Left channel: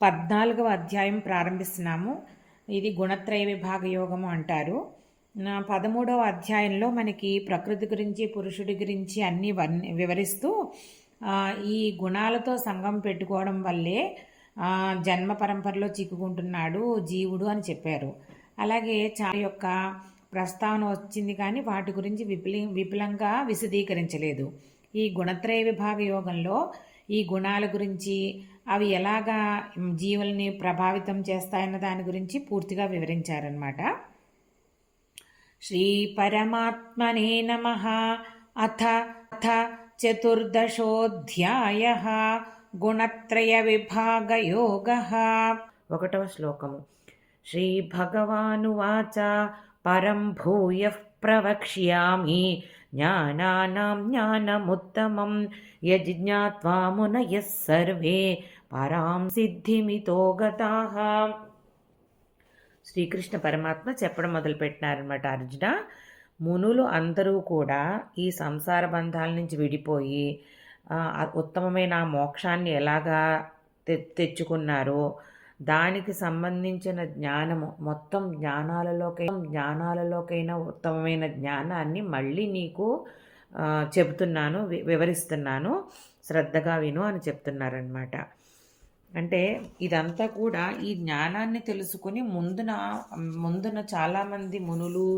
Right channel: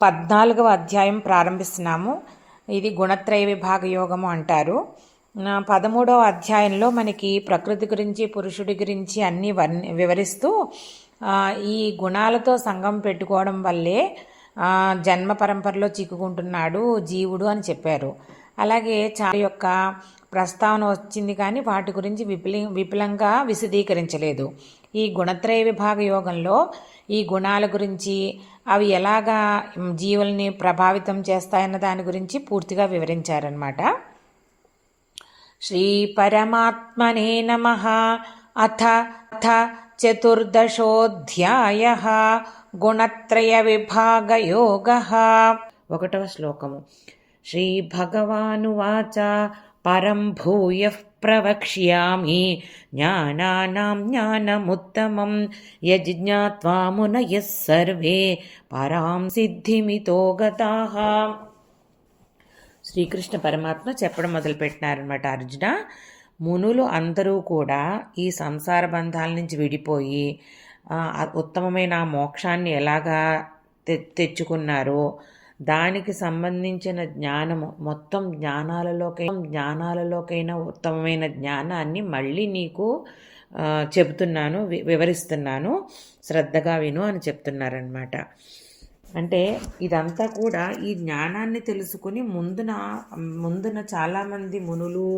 14వ అధ్యాయం ప్రారంభిస్తున్నాము. ఇది గుణత్రయ విభాగ యోగము అంటారు. 13వ అధ్యాయంలో మనకి ప్రకృతి గురించి, పురుషుడి గురించి అన్నీ వివరిస్తూ ఈ గుణాలతో సంగం పెట్టుకోవడం వల్లే జన్మ పరంపరలో చిక్కుకుంటున్నాడు జీవుడు అని చెప్పారు. అలాగే చాలా యొక్క ప్రస్తావన వచ్చింది, కానీ వాటి గురించి విపులంగా విశదీకరించలేదు. ఈ గుణత్రయ విభాగ యోగంలో ఈ గుణాల గురించి, అవి ఎలాగా జీవుల్ని ప్రభావితం చేస్తాయన్న దాని గురించి పూర్తిగా వివరించారన్నమాట. శ్రీ పరమాత్మనే నమః. అథ చతుర్దశోऽధ్యాయః గుణత్రయ విభాగ యోగః. 1వ శ్లోకము. శ్రీ భగవానువాచ పరం భూయః ప్రవక్ష్యామి జ్ఞానానాం జ్ఞానముత్తమం యజ్ఞాత్వా మునయః సర్వే పరాం సిద్ధిమితో గతాః. శ్రీకృష్ణ పరమాత్మ చెప్పడం మొదలుపెట్టినారనమాట. అర్జున, మునులు అందరూ కూడా ఈ సంసార బంధాల నుంచి విడిపోయి ఉత్తమమైన మోక్షాన్ని ఎలాగా తెచ్చుకున్నారో దానికి సంబంధించిన జ్ఞానము, మొత్తం జ్ఞానాలలోకైనా ఉత్తమమైన జ్ఞానాన్ని మళ్ళీ నీకు చెబుతున్నాను, వివరిస్తున్నాను, శ్రద్ధగా విను అని చెప్తున్నారనమాట. అంటే ఇదంతా కూడా ఈ జ్ఞానాన్ని తెలుసుకుని ముందున చాలామంది మునులు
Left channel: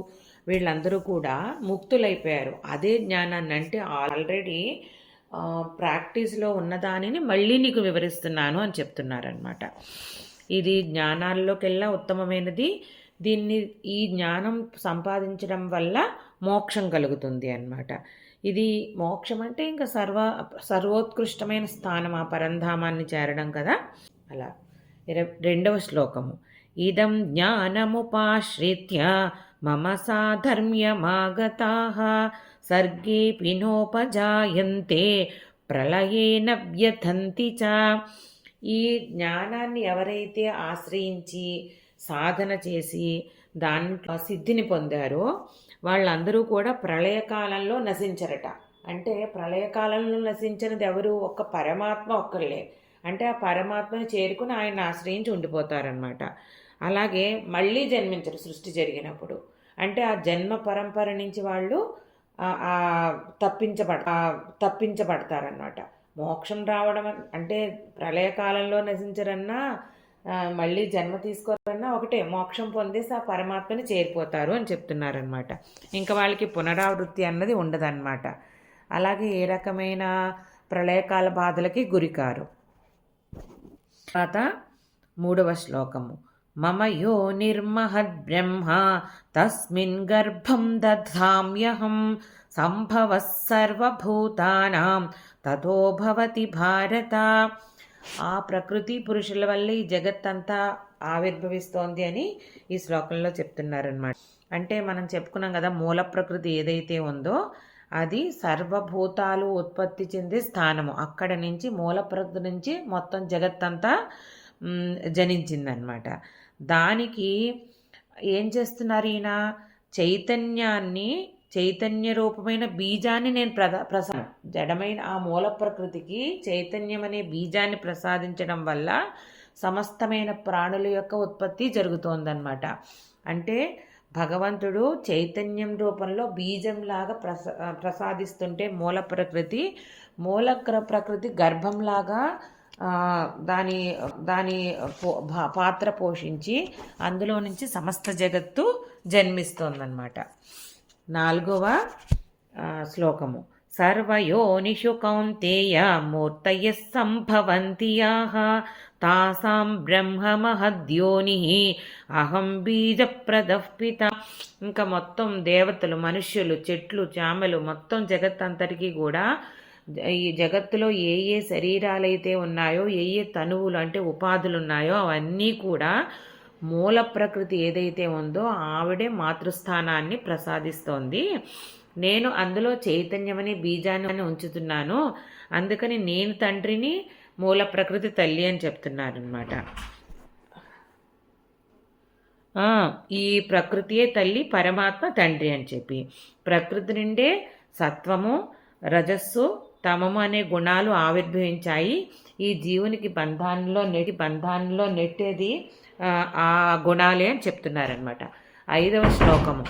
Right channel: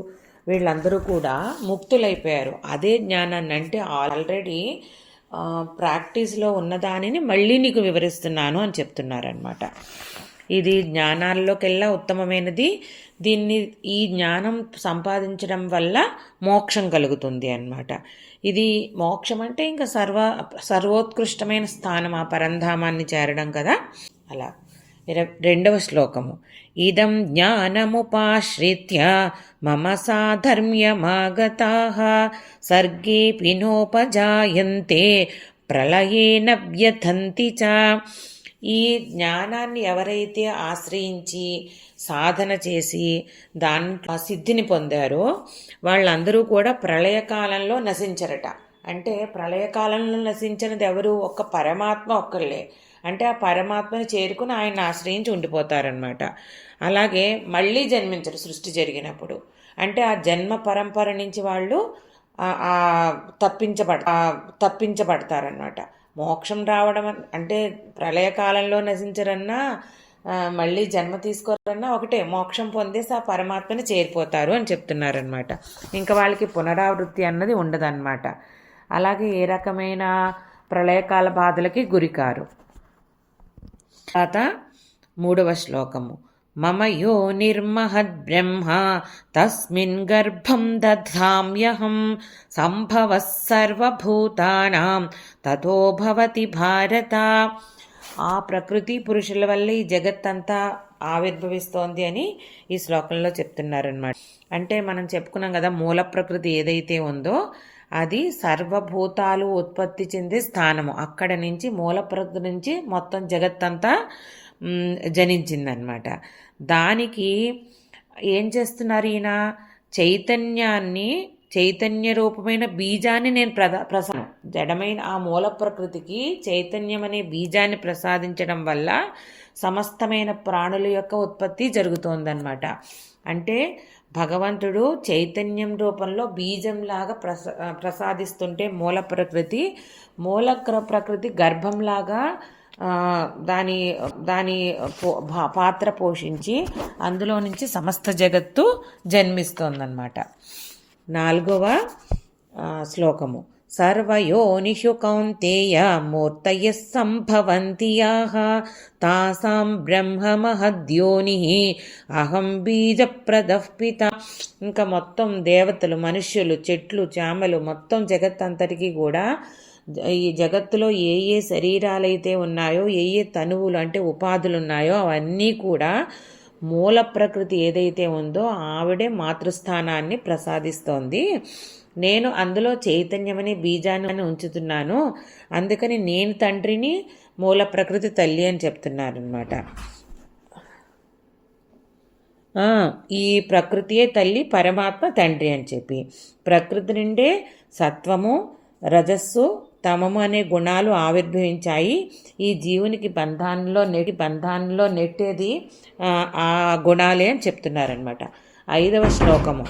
వీళ్ళందరూ కూడా ముక్తులైపోయారు. అదే జ్ఞానాన్ని, అంటే ఆల్రెడీ ప్రాక్టీస్లో ఉన్నదానిని మళ్ళీ నీకు వివరిస్తున్నాను అని చెప్తున్నారనమాట. ఇది జ్ఞానాల్లోకెల్లా ఉత్తమమైనది. ఈ జ్ఞానం సంపాదించడం వల్ల మోక్షం కలుగుతుంది అన్నమాట. ఇది మోక్షం అంటే ఇంకా సర్వోత్కృష్టమైన స్థానం, ఆ పరంధామాన్ని చేరడం కదా. అలా 2వ శ్లోకము. ఇదం జ్ఞానముపాశ్రిత్య మమ సాధర్మ్యమాగతాః సర్గేపి నోపజాయంతే ప్రళయేన వ్యథంతి చ. ఈ జ్ఞానాన్ని ఎవరైతే ఆశ్రయించి సాధన చేసి దాంట్లో సిద్ధిని పొందారో వాళ్ళందరూ కూడా ప్రళయకాలంలో నశించరట. అంటే ప్రళయకాలంలో నశించినది ఎవరు? ఒక్క పరమాత్మ ఒక్కళ్ళే. అంటే ఆ పరమాత్మను చేరుకుని ఆయన ఆశ్రయించి ఉండిపోతారనమాట. అలాగే మళ్ళీ జన్మించరు సృష్టి జరిగినప్పుడు. అంటే ఆ జన్మ పరంపర నుంచి వాళ్ళు తప్పించబడతారనమాట. మోక్షం రావడం అంటే ప్రళయకాలంలో నశించరన్నా మళ్ళీ జన్మ తీసుకోరన్నా ఒకటే, మోక్షం పొందేసి ఆ పరమాత్మని చేరిపోతారు అని చెప్తున్నారనమాట. ఇంకా వాళ్ళకి పునరావృత్తి అన్నది ఉండదన్నమాట. అలాగే ఏ రకమైన ప్రళయకాల బాధలకి గురికారు. తర్వాత 3వ శ్లోకము. మమ యో నిర్మహద్బ్రహ్మ తస్మిన్ గర్భం దధామ్యహం సంభవః సర్వభూతానాం తతో భవతి భారత. ఆ ప్రకృతి పురుషుల వల్ల ఈ జగత్తంతా ఆవిర్భవిస్తోంది అని ఈ శ్లోకంలో చెప్తున్నారనమాట. అంటే మనం చెప్పుకున్నాం కదా, మూల ప్రకృతి ఏదైతే ఉందో అది సర్వభూతాలు ఉత్పత్తి చెందే స్థానము. అక్కడ నుంచి మూల ప్రకృతి నుంచి మొత్తం జగత్తంతా జనించిందనమాట. దానికి ఏం చేస్తున్నారు ఈయన? చైతన్య రూపమైన బీజాన్ని నేను జడమైన ఆ మూల ప్రకృతికి చైతన్యం అనే బీజాన్ని ప్రసాదించడం వల్ల సమస్తమైన ప్రాణుల యొక్క ఉత్పత్తి జరుగుతోందన్నమాట. అంటే భగవంతుడు చైతన్యం రూపంలో బీజంలాగా ప్రసాదిస్తుంటే మూల ప్రకృతి గర్భంలాగా దాని పాత్ర పోషించి అందులో నుంచి సమస్త జగత్తు జన్మిస్తోందన్నమాట. 4వ శ్లోకము. సర్వయోనిషు కౌంతేయ మూర్తయః సంభవంతి యాః తాసాం బ్రహ్మ మహద్యోనిః అహం బీజప్రదః పిత. ఇంకా మొత్తం దేవతలు, మనుష్యులు, చెట్లు, చామలు, మొత్తం జగత్తంతటికీ కూడా ఈ జగత్తులో ఏ ఏ శరీరాలైతే ఉన్నాయో, ఏ ఏ తనువులు అంటే ఉపాధులు ఉన్నాయో అవన్నీ కూడా మూల ప్రకృతి ఏదైతే ఉందో ఆవిడే మాతృస్థానాన్ని ప్రసాదిస్తోంది. నేను అందులో చైతన్యమని బీజాన్ని ఉంచుతున్నాను. అందుకని నేను తండ్రిని, మూల ప్రకృతి తల్లి అని చెప్తున్నారనమాట. ఈ ప్రకృతియే తల్లి, పరమాత్మ తండ్రి అని చెప్పి ప్రకృతి నుండే సత్వము, రజస్సు, తమము అనే గుణాలు ఆవిర్భవించాయి. ఈ జీవునికి బంధాల్లో నెట్టేది ఆ గుణాలే అని చెప్తున్నారనమాట. 5వ శ్లోకము.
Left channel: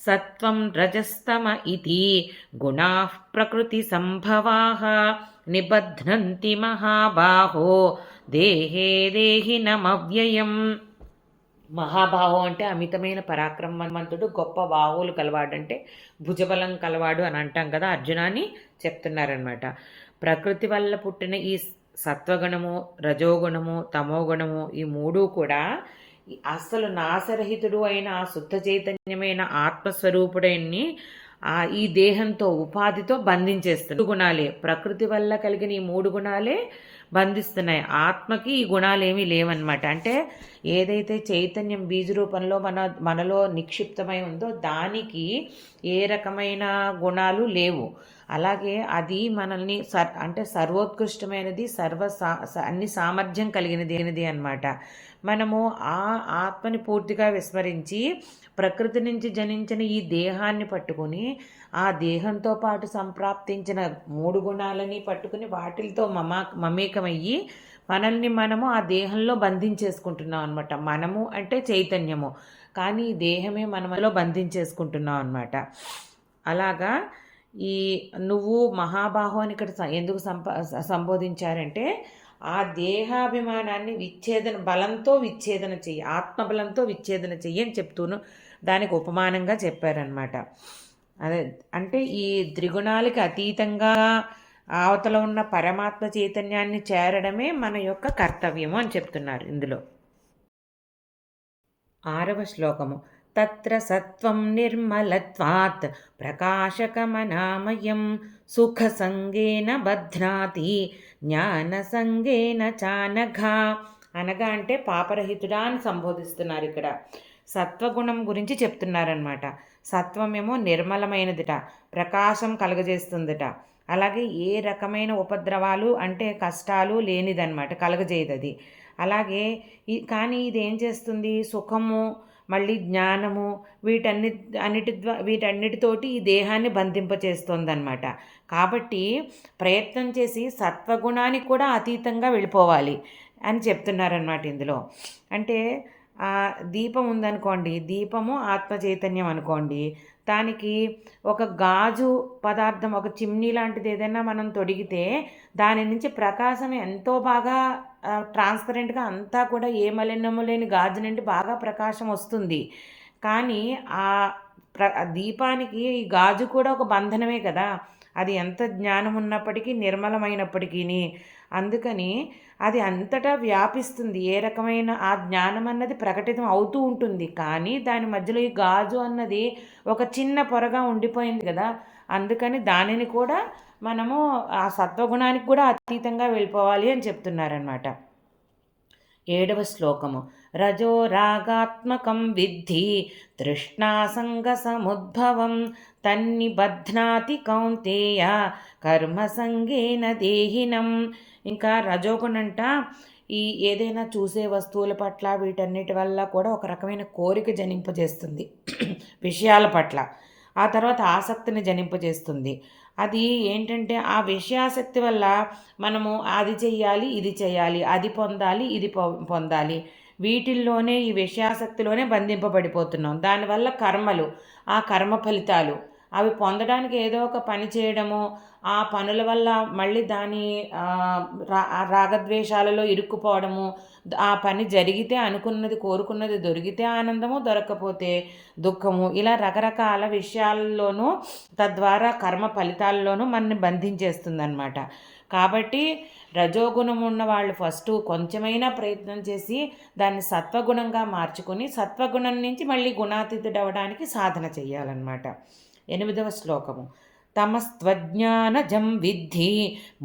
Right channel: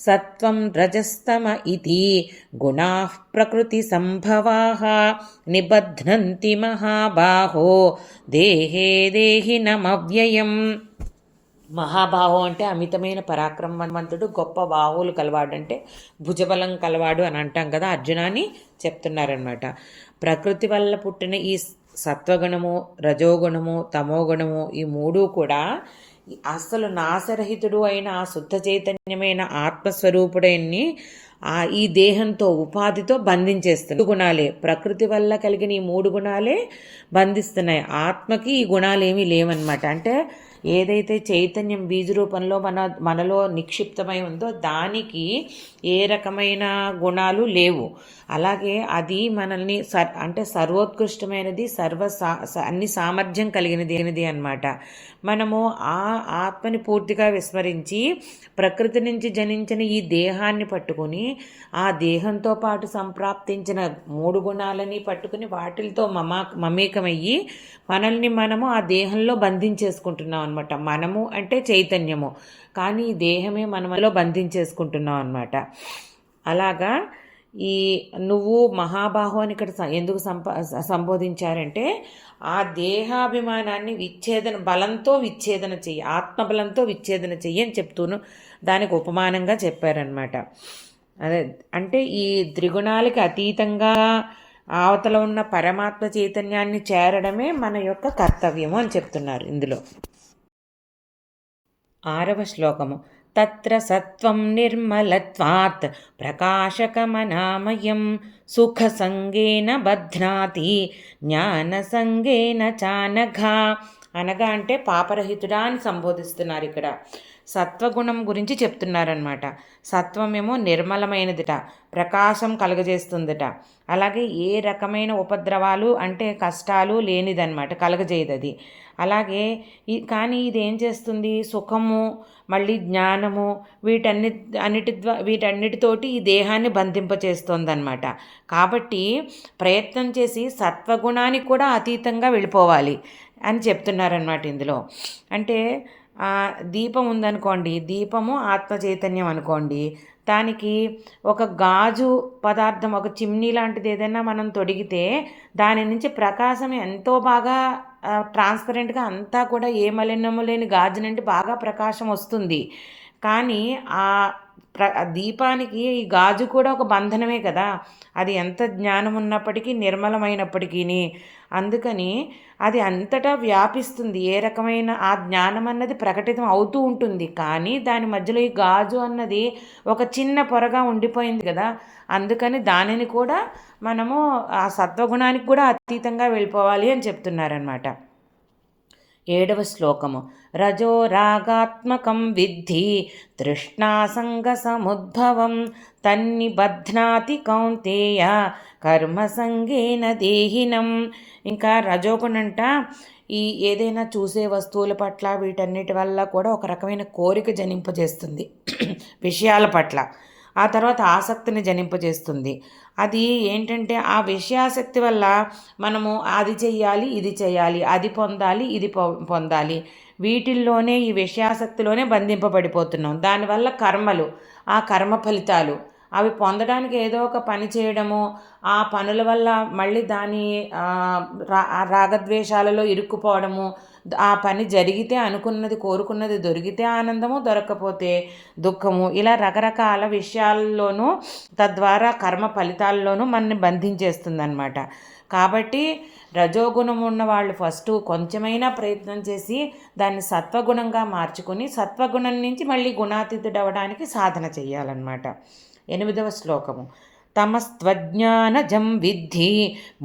సత్వం రజస్తమ ఇది గుణా ప్రకృతి సంభవాః నిబధ్నంతి మహాబాహో దేహే దేహినమవ్యయం. మహాబాహు అంటే అమితమైన పరాక్రమవంతుడు, గొప్ప బాహువులు కలవాడంటే భుజబలం కలవాడు అని అంటాం కదా, అర్జునాన్ని చెప్తున్నారనమాట. ప్రకృతి వల్ల పుట్టిన ఈ సత్వగుణము, రజోగుణము, తమోగుణము ఈ మూడు కూడా అసలు నాశరహితుడు అయిన ఆ శుద్ధ చైతన్యమైన ఆత్మస్వరూపుడైన ఈ దేహంతో ఉపాధితో బంధించేస్తున్నాయి. గుణాలే ప్రకృతి వల్ల కలిగిన ఈ 3 గుణాలే బంధిస్తున్నాయి. ఆత్మకి ఈ గుణాలేమీ లేవన్నమాట. అంటే ఏదైతే చైతన్యం బీజ రూపంలో మనలో నిక్షిప్తమై ఉందో దానికి ఏ రకమైన గుణాలు లేవు. అలాగే అది మనల్ని అంటే సర్వోత్కృష్టమైనది, అన్ని సామర్థ్యం కలిగినది అన్నమాట. మనము ఆ ఆత్మని పూర్తిగా విస్మరించి ప్రకృతి నుంచి జనించిన ఈ దేహాన్ని పట్టుకుని ఆ దేహంతో పాటు సంప్రాప్తించిన 3 గుణాలని పట్టుకుని వాటితో మమేకమయ్యి మనము ఆ దేహంలో బంధించేసుకుంటున్నాం అనమాట. మనము అంటే చైతన్యము, కానీ ఈ దేహమే మనలో బంధించేసుకుంటున్నాం అనమాట. అలాగా ఈ నువ్వు మహాబాహు అని ఇక్కడ ఎందుకు సంబోధించారంటే ఆ దేహాభిమానాన్ని బలంతో విచ్ఛేదన చెయ్యి, ఆత్మబలంతో విచ్ఛేదన చెయ్యి అని చెప్తూను దానికి ఉపమానంగా చెప్పారనమాట. అదే అంటే ఈ త్రిగుణాలకి అతీతంగా అవతల ఉన్న పరమాత్మ చైతన్యాన్ని చేరడమే మన యొక్క కర్తవ్యము అని చెప్తున్నారు ఇందులో. 6వ శ్లోకము. తత్ర సత్వం నిర్మలత్వాత్ ప్రకాశకమనామయం సుఖసంగేన బధ్నాతి జ్ఞానసంగేన చానఘా. అనగా అంటే పాపరహితుడా అని సంబోధిస్తున్నారు ఇక్కడ. సత్వగుణం గురించి చెప్తున్నారనమాట. సత్వమేమో నిర్మలమైనదిట, ప్రకాశం కలగజేస్తుందిట. అలాగే ఏ రకమైన ఉపద్రవాలు అంటే కష్టాలు లేనిదన్నమాట, కలగజేయదు అది. అలాగే కానీ ఇది ఏం చేస్తుంది, సుఖము మళ్ళీ జ్ఞానము వీటన్నిటితోటి ఈ దేహాన్ని బంధింపచేస్తుంది అన్నమాట. కాబట్టి ప్రయత్నం చేసి సత్వగుణానికి కూడా అతీతంగా వెళ్ళిపోవాలి అని చెప్తున్నారన్నమాట ఇందులో. అంటే దీపం ఉందనుకోండి, దీపము ఆత్మ చైతన్యం అనుకోండి, దానికి ఒక గాజు పదార్థం, ఒక చిమ్నీ లాంటిది ఏదైనా మనం తొడిగితే దాని నుంచి ప్రకాశం ఎంతో బాగా ట్రాన్స్పరెంట్గా అంతా కూడా ఏ మలినము లేని గాజు నుండి బాగా ప్రకాశం వస్తుంది. కానీ ఆ దీపానికి ఈ గాజు కూడా ఒక బంధనమే కదా, అది ఎంత జ్ఞానం ఉన్నప్పటికీ నిర్మలమైనప్పటికీ. అందుకని అది అంతటా వ్యాపిస్తుంది. ఏ రకమైన ఆ జ్ఞానం అన్నది ప్రకటితం అవుతూ ఉంటుంది, కానీ దాని మధ్యలో ఈ గాజు అన్నది ఒక చిన్న పొరగా ఉండిపోయింది కదా. అందుకని దానిని కూడా మనము ఆ సత్వగుణానికి కూడా అతీతంగా వెళ్ళిపోవాలి అని చెప్తున్నారనమాట. 7వ శ్లోకము. రజో రాగాత్మకం విద్ధి తృష్ణాసంగ సముద్భవం తన్నిబధ్నాతి కౌంతేయ కర్మసంగేన దేహినం. ఇంకా రజోగుణంట ఈ ఏదైనా చూసే వస్తువుల పట్ల వీటన్నిటి వల్ల కూడా ఒక రకమైన కోరిక జనింపజేస్తుంది విషయాల పట్ల. ఆ తర్వాత ఆసక్తిని జనింపజేస్తుంది. అది ఏంటంటే ఆ విషయాసక్తి వల్ల మనము అది చెయ్యాలి, ఇది చెయ్యాలి, అది పొందాలి, ఇది పొందాలి, వీటిల్లోనే ఈ విషయాసక్తిలోనే బంధింపబడిపోతున్నాం. దానివల్ల కర్మలు, ఆ కర్మ ఫలితాలు అవి పొందడానికి ఏదో ఒక పని చేయడము, ఆ పనుల వల్ల మళ్ళీ దాని రాగద్వేషాలలో ఇరుక్కుపోవడము, ఆ పని జరిగితే అనుకున్నది కోరుకున్నది దొరికితే ఆనందము, దొరకకపోతే దుఃఖము, ఇలా రకరకాల విషయాల్లోనూ తద్వారా కర్మ ఫలితాల్లోనూ మనని బంధించేస్తుందన్నమాట. కాబట్టి రజోగుణం ఉన్న వాళ్ళు ఫస్ట్ కొంచెమైనా ప్రయత్నం చేసి దాన్ని సత్వగుణంగా మార్చుకొని సత్వగుణం నుంచి మళ్ళీ గుణాతీతుడవడానికి సాధన చేయాలన్నమాట. 8వ శ్లోకము. తమస్త్వజ్ఞానజం విద్ధి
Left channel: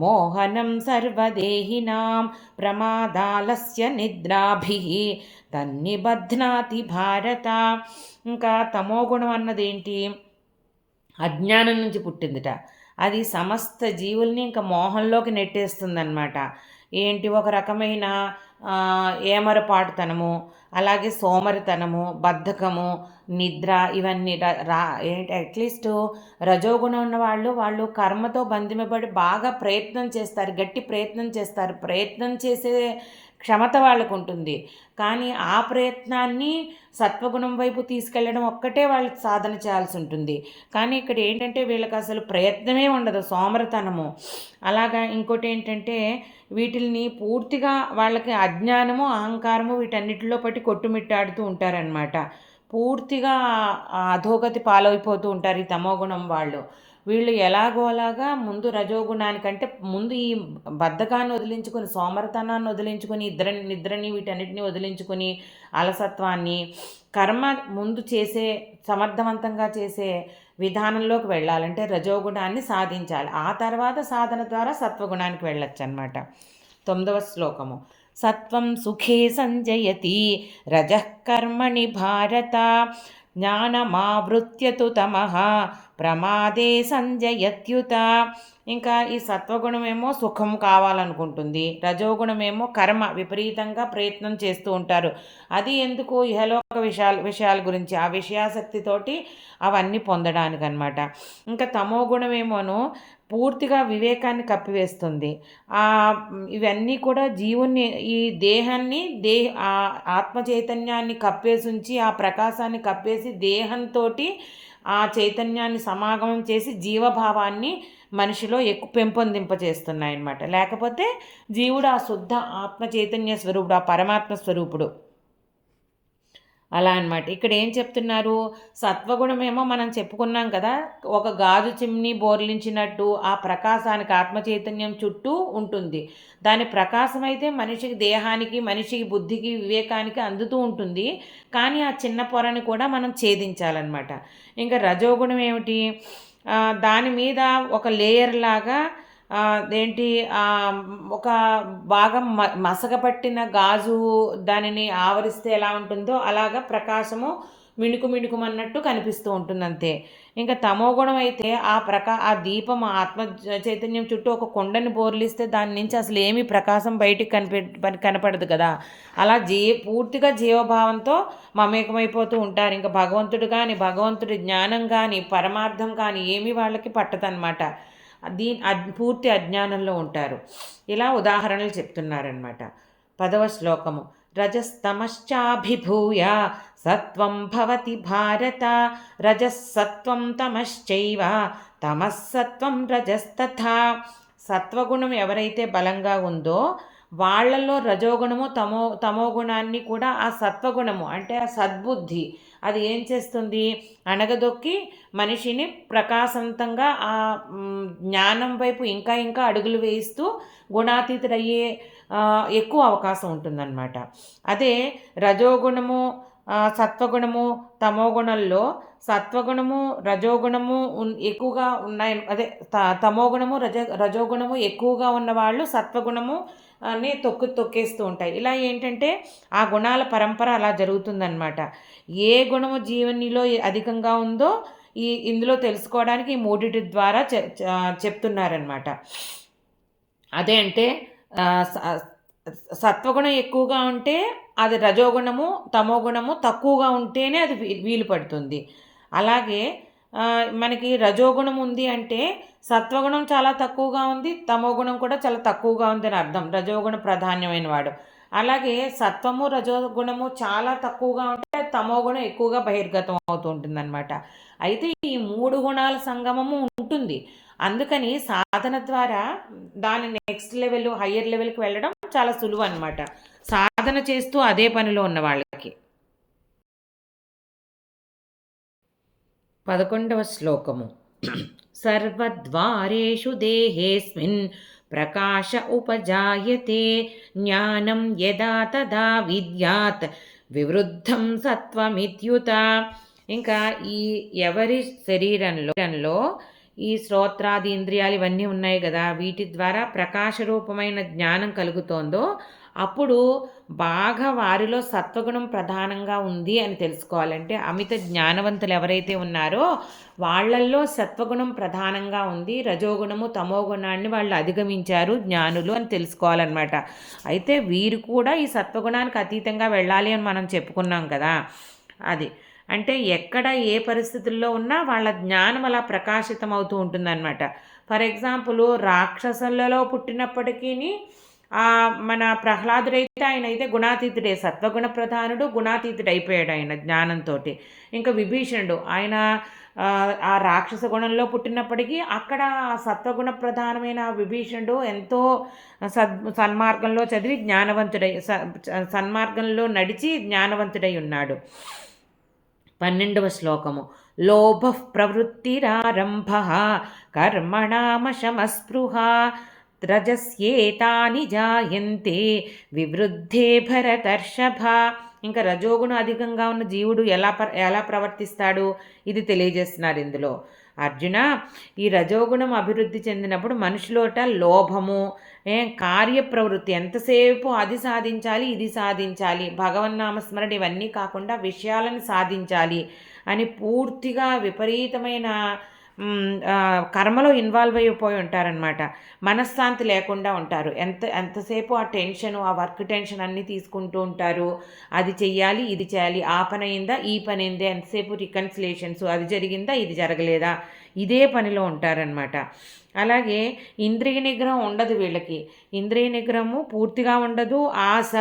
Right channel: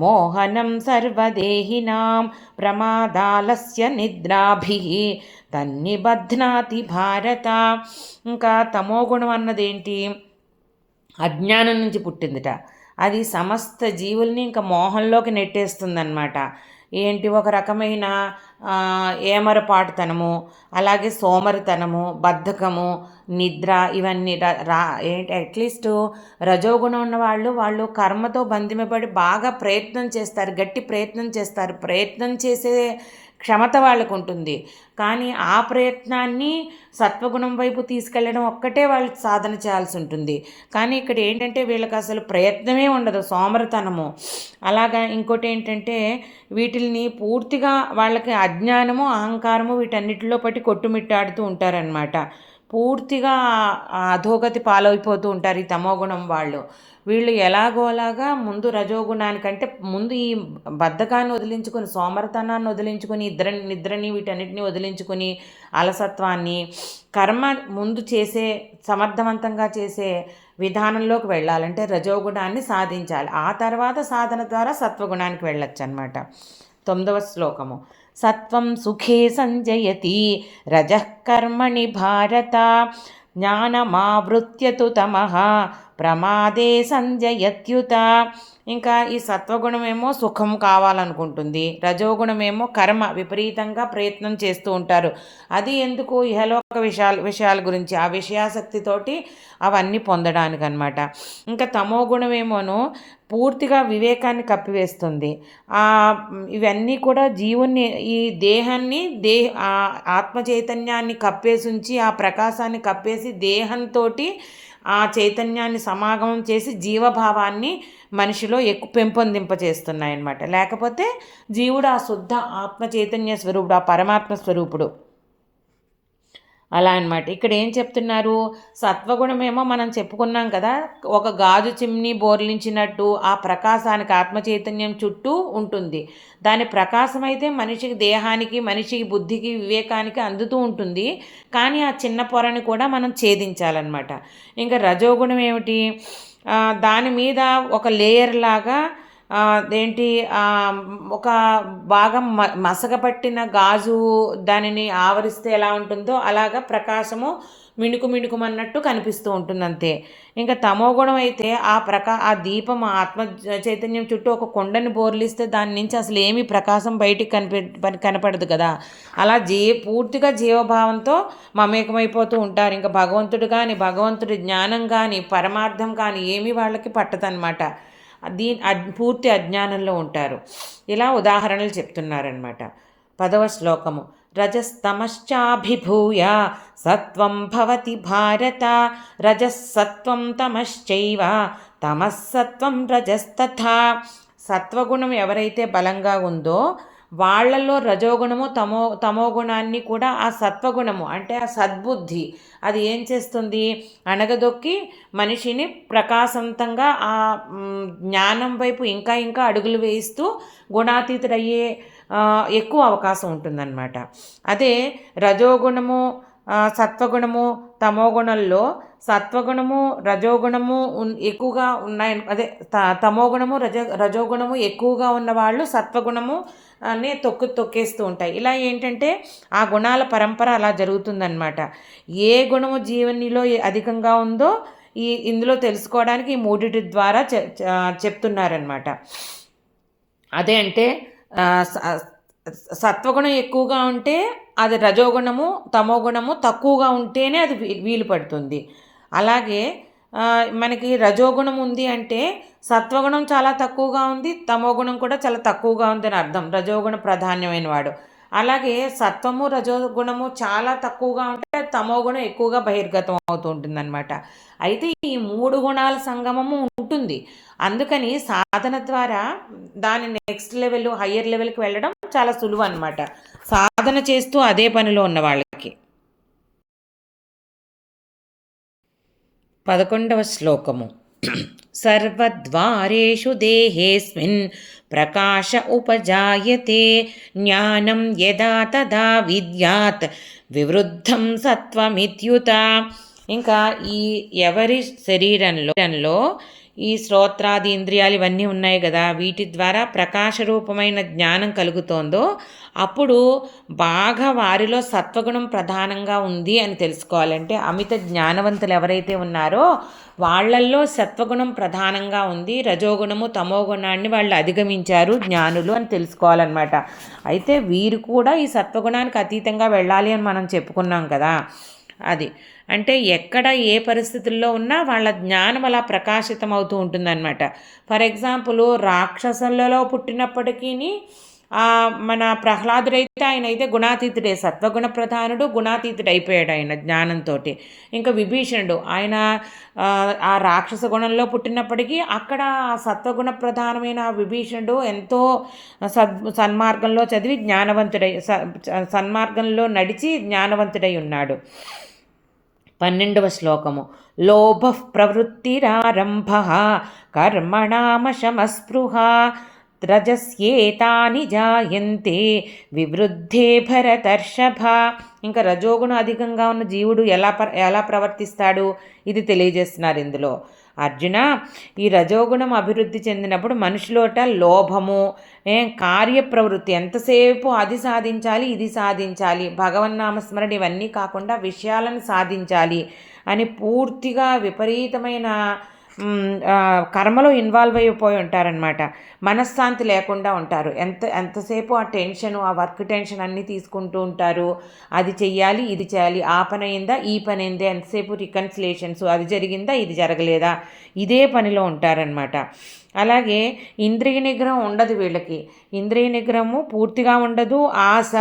మోహనం సర్వదేహినాం ప్రమాదాలస్య నిద్రాభిః తన్నిబధ్నాతి భారత. ఇంకా తమోగుణం అన్నదేంటి, అజ్ఞానం నుంచి పుట్టిందిట. అది సమస్త జీవుల్ని ఇంకా మోహంలోకి నెట్టేస్తుందన్నమాట. ఏంటి, ఒక రకమైన ఏమరపాటుతనము, అలాగే సోమరితనము, బద్ధకము, నిద్ర, ఇవన్నీ ఏంటి అట్లీస్ట్ రజోగుణం ఉన్న వాళ్ళు కర్మతో బంధింపబడి బాగా ప్రయత్నం చేస్తారు, గట్టి ప్రయత్నం చేస్తారు, ప్రయత్నం చేసే క్షమత వాళ్ళకు ఉంటుంది. కానీ ఆ ప్రయత్నాన్ని సత్వగుణం వైపు తీసుకెళ్ళడం ఒక్కటే వాళ్ళు సాధన చేయాల్సి ఉంటుంది. కానీ ఇక్కడ ఏంటంటే వీళ్ళకి అసలు ప్రయత్నమే ఉండదు, సోమరతనము. అలాగా ఇంకోటి ఏంటంటే వీటిని పూర్తిగా వాళ్ళకి అజ్ఞానము, అహంకారము వీటన్నిటిలో పట్టి కొట్టుమిట్టాడుతూ ఉంటారనమాట. పూర్తిగా అధోగతి పాలైపోతూ ఉంటారు ఈ తమోగుణం వాళ్ళు. వీళ్ళు ఎలాగోలాగా ముందు రజోగుణానికంటే ముందు ఈ బద్ధకాన్ని వదిలించుకొని, సోమరతనాన్ని వదిలించుకొని, నిద్రని వీటన్నిటిని వదిలించుకొని, అలసత్వాన్ని కర్మ ముందు చేసే సమర్థవంతంగా చేసే విధానంలోకి వెళ్ళాలంటే రజోగుణాన్ని సాధించాలి. ఆ తర్వాత సాధన ద్వారా సత్వగుణానికి వెళ్ళొచ్చు అన్నమాట. 9వ శ్లోకము. సత్వం సుఖే సంజయతి రజః కర్మణి భారత జ్ఞానమావృత్యతు తమః ప్రమాదే సంజయత్యుత. ఇంకా ఈ సత్వగుణమేమో సుఖం కావాలనుకుంటుంది, రజోగుణమేమో కర్మ విపరీతంగా ప్రయత్నం చేస్తూ ఉంటారు. అది ఎందుకు? ఇహలోక విషయాల గురించి, ఆ విషయాసక్తితోటి అవన్నీ పొందడానికి అనమాట. ఇంకా తమోగుణమేమోను పూర్తిగా వివేకాన్ని కప్పివేస్తుంది. ఇవన్నీ కూడా జీవుని, ఈ దేహాన్ని ఆత్మ చైతన్యాన్ని కప్పేసి ఉంచి, ఆ ప్రకాశాన్ని కప్పేసి దేహంతో ఆ చైతన్యాన్ని సమాగమం చేసి జీవభావాన్ని మనిషిలో పెంపొందింపచేస్తున్నాయన్నమాట. లేకపోతే జీవుడు ఆ శుద్ధ ఆత్మ చైతన్య స్వరూపుడు, ఆ పరమాత్మ స్వరూపుడు. అలా అనమాట. ఇక్కడ ఏం చెప్తున్నారు? సత్వగుణమేమో మనం చెప్పుకున్నాం కదా, ఒక గాజు చిమ్ని బోర్లించినట్టు ఆ ప్రకాశానికి, ఆత్మ చైతన్యం చుట్టూ ఉంటుంది. దాని ప్రకాశం అయితే మనిషికి, దేహానికి, మనిషికి బుద్ధికి, వివేకానికి అందుతూ ఉంటుంది. కానీ ఆ చిన్న పొరని కూడా మనం ఛేదించాలన్నమాట. ఇంకా రజోగుణం ఏమిటి? దాని మీద ఒక లేయర్ లాగా ఏంటి, ఒక బాగా మసకపట్టిన గాజు దానిని ఆవరిస్తే ఎలా ఉంటుందో అలాగా ప్రకాశము మిణుకుమన్నట్టు కనిపిస్తూ ఉంటుంది అంతే. ఇంకా తమోగుణం అయితే ఆ దీపం, ఆత్మ చైతన్యం చుట్టూ ఒక కొండని బోర్లిస్తే దాని నుంచి అసలు ఏమీ ప్రకాశం బయటికి కనపడదు కదా. అలా పూర్తిగా జీవభావంతో మమేకమైపోతూ ఉంటారు. ఇంకా భగవంతుడు కానీ, భగవంతుడి జ్ఞానం కానీ, పరమార్థం కానీ ఏమీ వాళ్ళకి పట్టదనమాట. పూర్తి అజ్ఞానంలో ఉంటారు. ఇలా ఉదాహరణలు చెప్తున్నారనమాట. 10వ శ్లోకము. రజస్తమశ్చాభిభూయ సత్వం భవతి భారత రజస్సత్వం తమశ్చైవ తమస్సత్వం రజస్తథా. సత్వగుణం ఎవరైతే బలంగా ఉందో వాళ్ళల్లో రజోగుణము, తమోగుణాన్ని కూడా ఆ సత్వగుణము అంటే ఆ సద్బుద్ధి అది ఏం చేస్తుంది? అణగదొక్కి మనిషిని ప్రకాశవంతంగా ఆ జ్ఞానం వైపు ఇంకా ఇంకా అడుగులు వేయిస్తూ గుణాతీతుడయ్యే ఎక్కువ అవకాశం ఉంటుందన్నమాట. అదే రజోగుణము, సత్వగుణము, తమోగుణంలో సత్వగుణము, రజోగుణము ఎక్కువగా ఉన్నాయి. అదే తమోగుణము, రజోగుణము ఎక్కువగా ఉన్నవాళ్ళు సత్వగుణము అని తొక్కేస్తూ ఉంటాయి. ఇలా ఏంటంటే ఆ గుణాల పరంపర అలా జరుగుతుందన్నమాట. ఏ గుణము జీవనిలో అధికంగా ఉందో ఇందులో తెలుసుకోవడానికి ఈ మూడిటి ద్వారా చెప్తున్నారనమాట. అదే అంటే సత్వగుణం ఎక్కువగా ఉంటే అది రజోగుణము, తమోగుణము తక్కువగా ఉంటేనే అది వీలు పడుతుంది. అలాగే మనకి రజోగుణం ఉంది అంటే సత్వగుణం చాలా తక్కువగా ఉంది, తమోగుణం కూడా చాలా తక్కువగా ఉంది అని అర్థం. రజోగుణ ప్రాధాన్యమైన వాడు. అలాగే సత్వము, రజోగుణము చాలా తక్కువగా ఉంటే తమోగుణం ఎక్కువగా బహిర్గతం అవుతూ ఉంటుంది అనమాట. అయితే ఈ 3 గుణాల సంగమము ఉంటుంది. అందుకని సాధన ద్వారా దాని నెక్స్ట్ లెవెల్, హయ్యర్ లెవెల్కి వెళ్ళడం చాలా సులువు అనమాట, సాధన చేస్తూ అదే పనిలో ఉన్న వాళ్ళకి. 11వ శ్లోకము. సర్వద్వారేషు దేహేస్మిన్ ప్రకాశ ఉపజాయతే జ్ఞానం యదా తదా విద్యాత్ వివృద్ధం సత్వమిత్యుత. ఇంకా ఈ ఎవరి శరీరంలో ఈ శ్రోత్రాది ఇంద్రియాలు ఇవన్నీ ఉన్నాయి కదా, వీటి ద్వారా ప్రకాశ రూపమైన జ్ఞానం కలుగుతోందో అప్పుడు బాగా వారిలో సత్వగుణం ప్రధానంగా ఉంది అని తెలుసుకోవాలంటే అమిత జ్ఞానవంతులు ఎవరైతే ఉన్నారో వాళ్ళల్లో సత్వగుణం ప్రధానంగా ఉంది, రజోగుణము తమోగుణాన్ని వాళ్ళు అధిగమించారు జ్ఞానులు అని తెలుసుకోవాలన్నమాట. అయితే వీరు కూడా ఈ సత్వగుణానికి అతీతంగా వెళ్ళాలి అని మనం చెప్పుకున్నాం కదా. అది అంటే ఎక్కడ ఏ పరిస్థితుల్లో ఉన్నా వాళ్ళ జ్ఞానం అలా ప్రకాశితం అవుతూ ఉంటుందన్నమాట. ఫర్ ఎగ్జాంపుల్ రాక్షసులలో పుట్టినప్పటికీ మన ప్రహ్లాదుడైతే ఆయన అయితే గుణాతీతుడే, సత్వగుణ ప్రధానుడు, గుణాతీతుడు అయిపోయాడు ఆయన జ్ఞానంతో. ఇంకా విభీషణుడు ఆయన ఆ రాక్షస గుణంలో పుట్టినప్పటికీ అక్కడ సత్వగుణ ప్రధానమైన విభీషణుడు ఎంతో సన్మార్గంలో చదివి జ్ఞానవంతుడై సన్మార్గంలో నడిచి జ్ఞానవంతుడై ఉన్నాడు. 12వ శ్లోకము. లోభ ప్రవృత్తిరారంభ కర్మణామశమస్పృహ రజస్యేతాని జాయంతే వివృద్ధే భరతర్షభ. ఇంకా రజోగుణం అధికంగా ఉన్న జీవుడు ఎలా ప్రవర్తిస్తాడు ఇది తెలియజేస్తున్నారు ఇందులో. అర్జున, ఈ రజోగుణం అభివృద్ధి చెందినప్పుడు మనుషులోట లోభము, కార్యప్రవృత్తి, ఎంతసేపు అది సాధించాలి ఇది సాధించాలి, భగవన్నామస్మరణ ఇవన్నీ కాకుండా విషయాలను సాధించాలి అని పూర్తిగా విపరీతమైన కర్మలో ఇన్వాల్వ్ అయిపోయి ఉంటారనమాట. మనశ్శాంతి లేకుండా ఉంటారు. ఎంతసేపు ఆ టెన్షను, ఆ వర్క్ టెన్షన్ అన్నీ తీసుకుంటూ ఉంటారు. అది చెయ్యాలి ఇది చేయాలి, ఆ పని అయిందా ఈ పని అయిందా, ఎంతసేపు రికన్సిలేషన్స్, అది జరిగిందా ఇది జరగలేదా, ఇదే పనిలో ఉంటారనమాట. అలాగే ఇంద్రియ నిగ్రహం ఉండదు వీళ్ళకి. ఇంద్రియ నిగ్రహము పూర్తిగా ఉండదు. ఆశ,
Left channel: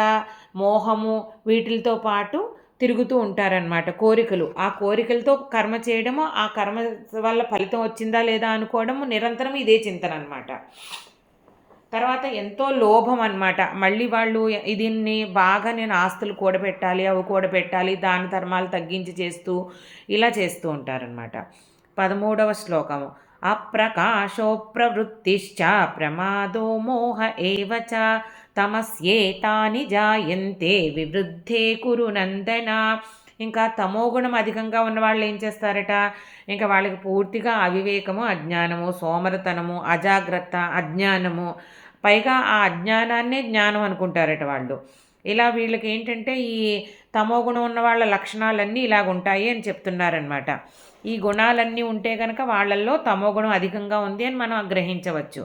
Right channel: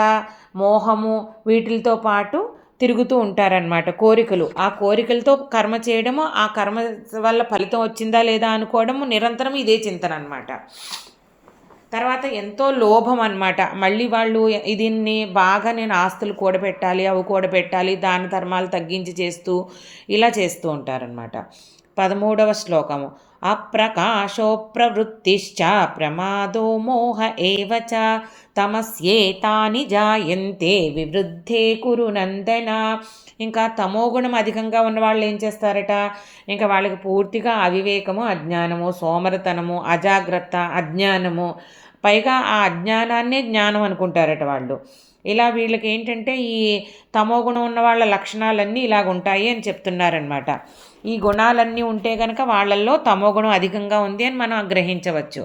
మోహము వీటితో పాటు తిరుగుతూ ఉంటారనమాట. కోరికలు, ఆ కోరికలతో కర్మ చేయడము, ఆ కర్మ వల్ల ఫలితం వచ్చిందా లేదా అనుకోవడము, నిరంతరం ఇదే చింతన అనమాట. తర్వాత ఎంతో లోభం అనమాట. మళ్ళీ వాళ్ళు దీన్ని బాగా నేను ఆస్తులు కూడబెట్టాలి, అవి కూడబెట్టాలి, దాన ధర్మాలు తగ్గించి చేస్తూ ఇలా చేస్తూ ఉంటారనమాట. 13వ శ్లోకము. అప్రకాశో ప్రవృత్తిశ్చ ప్రమాదో మోహ ఏవచ తమస్యేతాని జాయంతే వివృద్ధే కురు నందన. ఇంకా తమోగుణం అధికంగా ఉన్న వాళ్ళు ఏం చేస్తారట, ఇంకా వాళ్ళకి పూర్తిగా అవివేకము, అజ్ఞానము, సోమరతనము, అజాగ్రత్త, అజ్ఞానము, పైగా ఆ అజ్ఞానాన్నే జ్ఞానం అనుకుంటారట వాళ్ళు. ఇలా వీళ్ళకి ఏంటంటే ఈ తమోగుణం ఉన్న వాళ్ళ లక్షణాలన్నీ ఇలాగ ఉంటాయి అని చెప్తున్నారనమాట. ఈ గుణాలన్నీ ఉంటే కనుక వాళ్ళల్లో తమోగుణం అధికంగా ఉంది అని మనం గ్రహించవచ్చు.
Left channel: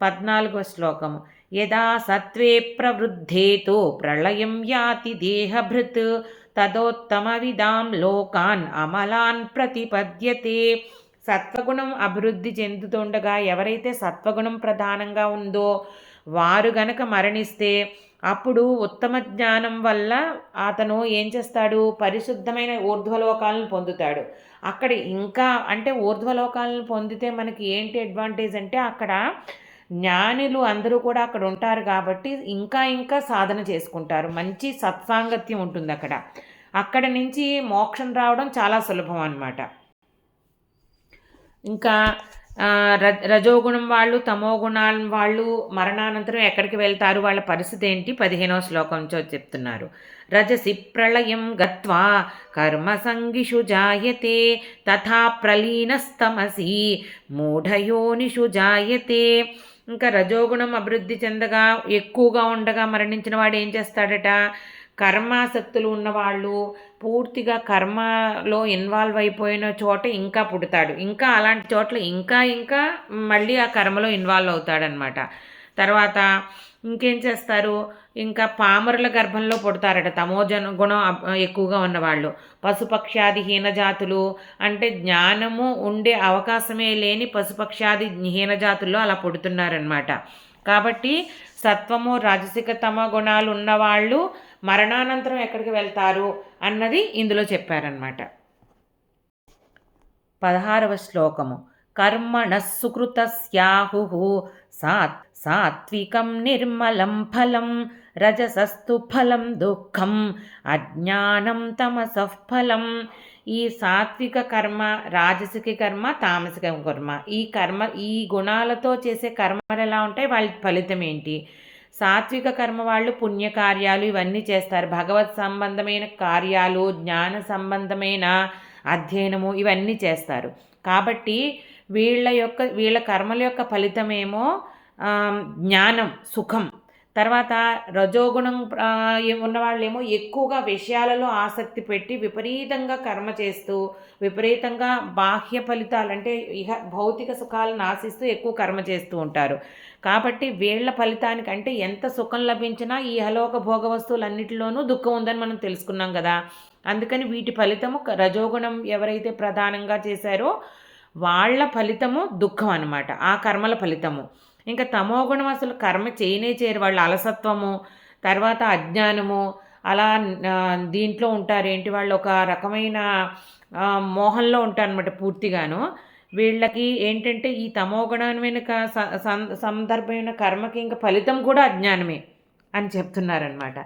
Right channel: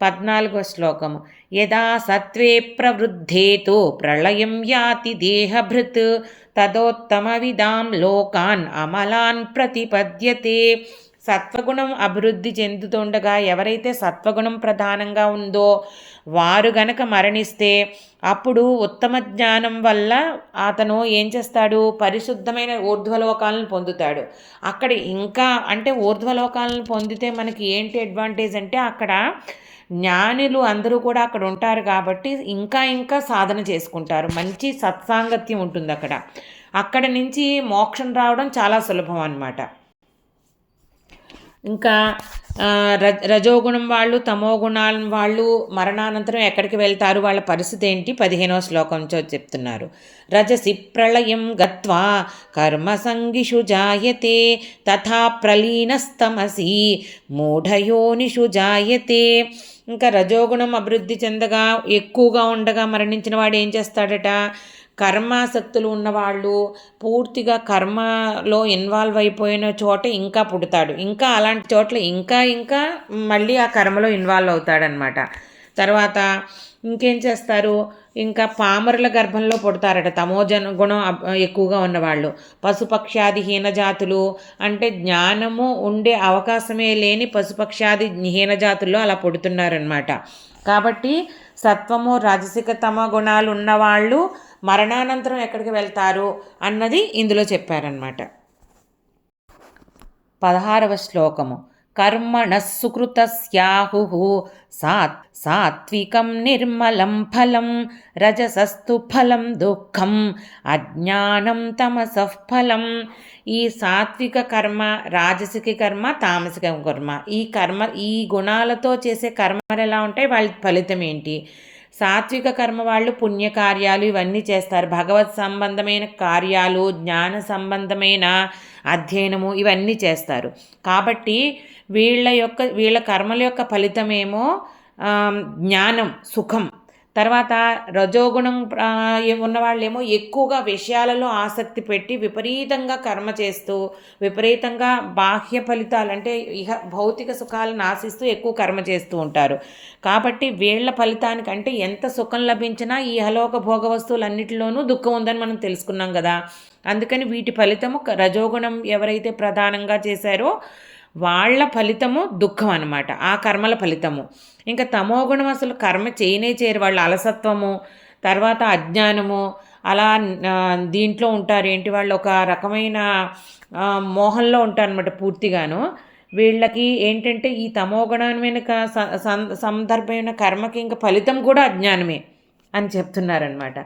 14వ శ్లోకము. యదా సత్వే ప్రవృద్ధేతో ప్రళయం యాతి దేహభృత్ తదోత్తమ విదాం లోకాన్ అమలాన్ ప్రతిపద్యతే. సత్వగుణం అభివృద్ధి చెందుతుండగా ఎవరైతే సత్వగుణం ప్రధానంగా ఉందో వారు గనక మరణిస్తే అప్పుడు ఉత్తమ జ్ఞానం వల్ల అతను ఏం చేస్తాడు, పరిశుద్ధమైన ఊర్ధ్వలోకాలను పొందుతాడు. అక్కడ ఇంకా అంటే ఊర్ధ్వలోకాలను పొందితే మనకి ఏంటి అడ్వాంటేజ్ అంటే అక్కడ జ్ఞానులు అందరూ కూడా అక్కడ ఉంటారు కాబట్టి ఇంకా ఇంకా సాధన చేసుకుంటారు. మంచి సత్సాంగత్యం ఉంటుంది అక్కడ. అక్కడ నుంచి మోక్షం రావడం చాలా సులభం అన్నమాట. ఇంకా రజోగుణం వాళ్ళు, తమో గుణాల వాళ్ళు మరణానంతరం ఎక్కడికి వెళ్తారు, వాళ్ళ పరిస్థితి ఏంటి 15వ శ్లోకంతో చెప్తున్నారు. రజసి ప్రళయం గత్వా కర్మసంగిషు జాయతే తథా ప్రలీనస్తమసి మూఢయోనిషు జాయతే. ఇంకా రజోగుణం అభివృద్ధి చెందగా ఎక్కువగా ఉండగా మరణించిన వాడు ఏం చేస్తాడట, కర్మాసక్తులు ఉన్నవాళ్ళు పూర్తిగా కర్మలో ఇన్వాల్వ్ అయిపోయిన చోట ఇంకా పుడతాడు. ఇంకా అలాంటి చోట్ల ఇంకా ఇంకా మళ్ళీ ఆ కర్మలో ఇన్వాల్వ్ అవుతాడనమాట. తర్వాత ఇంకేం చేస్తారు, ఇంకా పామరుల గర్భంలో పుడతారట తమోజన గుణం ఎక్కువగా ఉన్నవాళ్ళు. పశుపక్షాది హీనజాతులు అంటే జ్ఞానము ఉండే అవకాశమే లేని పశుపక్షాది హీనజాతుల్లో అలా పుడుతున్నారనమాట. కాబట్టి సత్వము, రాజసిక, తమ గుణాలు ఉన్నవాళ్ళు మరణానంతరం ఎక్కడికి వెళ్తారు అన్నది ఇందులో చెప్పారనమాట. 16వ శ్లోకము. కర్మణః సుకృతస్యాహు సాత్వికం నిర్మలం ఫలం రజసస్తు ఫలం దుఃఖం అజ్ఞానం తమసః ఫలం. ఈ సాత్విక కర్మ, రాజసిక కర్మ, తామసిక కర్మ, ఈ గుణాలతో చేసే కర్మలు ఎలా ఉంటాయి, వాళ్ళ ఫలితం ఏంటి? సాత్విక కర్మ వాళ్ళు పుణ్యకార్యాలు ఇవన్నీ చేస్తారు. భగవత్ సంబంధమైన కార్యాలు, జ్ఞాన సంబంధమైన అధ్యయనము ఇవన్నీ చేస్తారు. కాబట్టి వీళ్ళ కర్మల యొక్క ఫలితమేమో జ్ఞానం, సుఖం. తర్వాత రజోగుణం ఉన్నవాళ్ళేమో ఎక్కువగా విషయాలలో ఆసక్తి పెట్టి విపరీతంగా కర్మ చేస్తూ విపరీతంగా బాహ్య ఫలితాలు అంటే భౌతిక సుఖాలను ఆశిస్తూ ఎక్కువ కర్మ చేస్తూ ఉంటారు. కాబట్టి వీళ్ళ ఫలితానికంటే ఎంత సుఖం లభించినా ఈ ఇహలోక భోగ వస్తువులన్నిటిలోనూ దుఃఖం ఉందని మనం తెలుసుకున్నాం కదా. అందుకని వీటి ఫలితము రజోగుణం ఎవరైతే ప్రధానంగా చేశారో వాళ్ళ ఫలితము దుఃఖం అన్నమాట, ఆ కర్మల ఫలితము. ఇంకా తమోగుణం అసలు కర్మ చేయరు, వాళ్ళ అలసత్వము, తర్వాత అజ్ఞానము, అలా దీంట్లో ఉంటారు. ఏంటి, వాళ్ళు ఒక రకమైన మోహంలో ఉంటారు అనమాట పూర్తిగాను. వీళ్ళకి ఏంటంటే ఈ తమోగుణమైన సందర్భమైన కర్మకి ఇంకా ఫలితం కూడా అజ్ఞానమే అని చెప్తున్నారనమాట.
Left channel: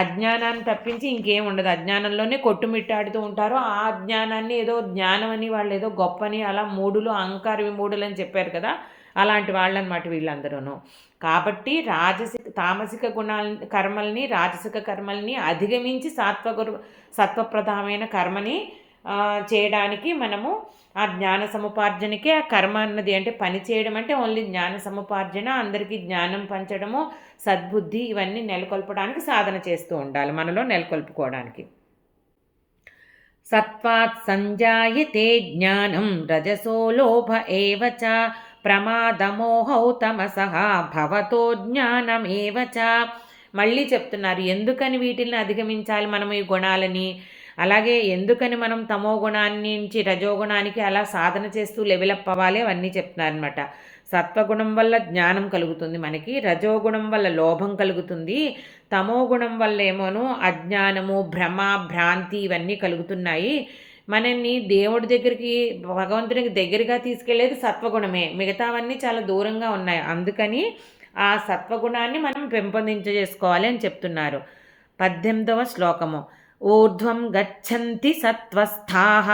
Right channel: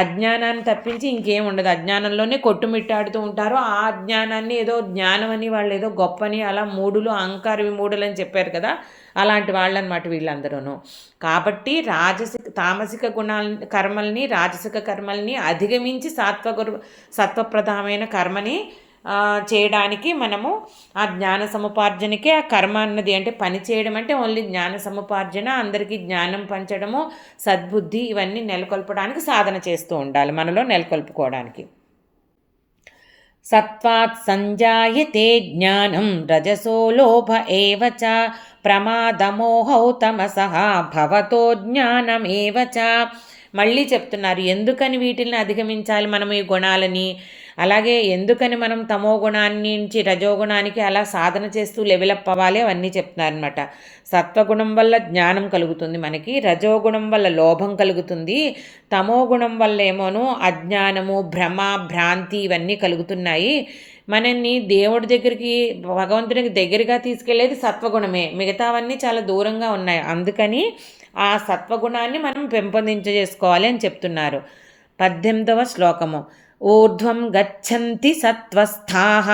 అజ్ఞానాన్ని తప్పించి ఇంకేం ఉండదు, అజ్ఞానంలోనే కొట్టుమిట్టాడుతూ ఉంటారు. ఆ అజ్ఞానాన్ని ఏదో జ్ఞానం అని, వాళ్ళు ఏదో గొప్పని, అలా మూడులు అహంకార విమూఢులు అని చెప్పారు కదా, అలాంటి వాళ్ళనమాట వీళ్ళందరూ. కాబట్టి తామసిక కర్మల్ని, రాజసిక కర్మల్ని అధిగమించి సత్వప్రధానమైన కర్మని చేయడానికి మనము ఆ జ్ఞాన సముపార్జనకే ఆ కర్మ అన్నది. అంటే పని చేయడం అంటే ఓన్లీ జ్ఞాన సముపార్జన, అందరికీ జ్ఞానం పంచడము, సద్బుద్ధి ఇవన్నీ నెలకొల్పడానికి సాధన చేస్తూ ఉండాలి, మనలో నెలకొల్పుకోవడానికి. సత్వాత్ సంజాయతే జ్ఞానం రజసో లోభ ఏవ చ ప్రమాదమోహౌ తమసః భవతో జ్ఞానమేవ చ. మళ్ళీ చెప్తున్నారు ఎందుకని వీటిని అధిగమించాలి మనం ఈ గుణాలని, అలాగే ఎందుకని మనం తమో గుణాన్ని నుంచి రజోగుణానికి అలా సాధన చేస్తూ లెవెలప్ అవ్వాలి, అవన్నీ చెప్తున్నారనమాట. సత్వగుణం వల్ల జ్ఞానం కలుగుతుంది మనకి, రజోగుణం వల్ల లోభం కలుగుతుంది, తమో గుణం వల్ల ఏమోను అజ్ఞానము, భ్రమ, భ్రాంతి ఇవన్నీ కలుగుతున్నాయి. మనల్ని దేవుడి దగ్గరికి, భగవంతునికి దగ్గరగా తీసుకెళ్లేది సత్వగుణమే, మిగతావన్నీ చాలా దూరంగా ఉన్నాయి. అందుకని ఆ సత్వగుణాన్ని మనం పెంపొందించేసుకోవాలి అని చెప్తున్నారు. 18వ శ్లోకము. ఊర్ధ్వం గచ్చంతి సత్వస్థాః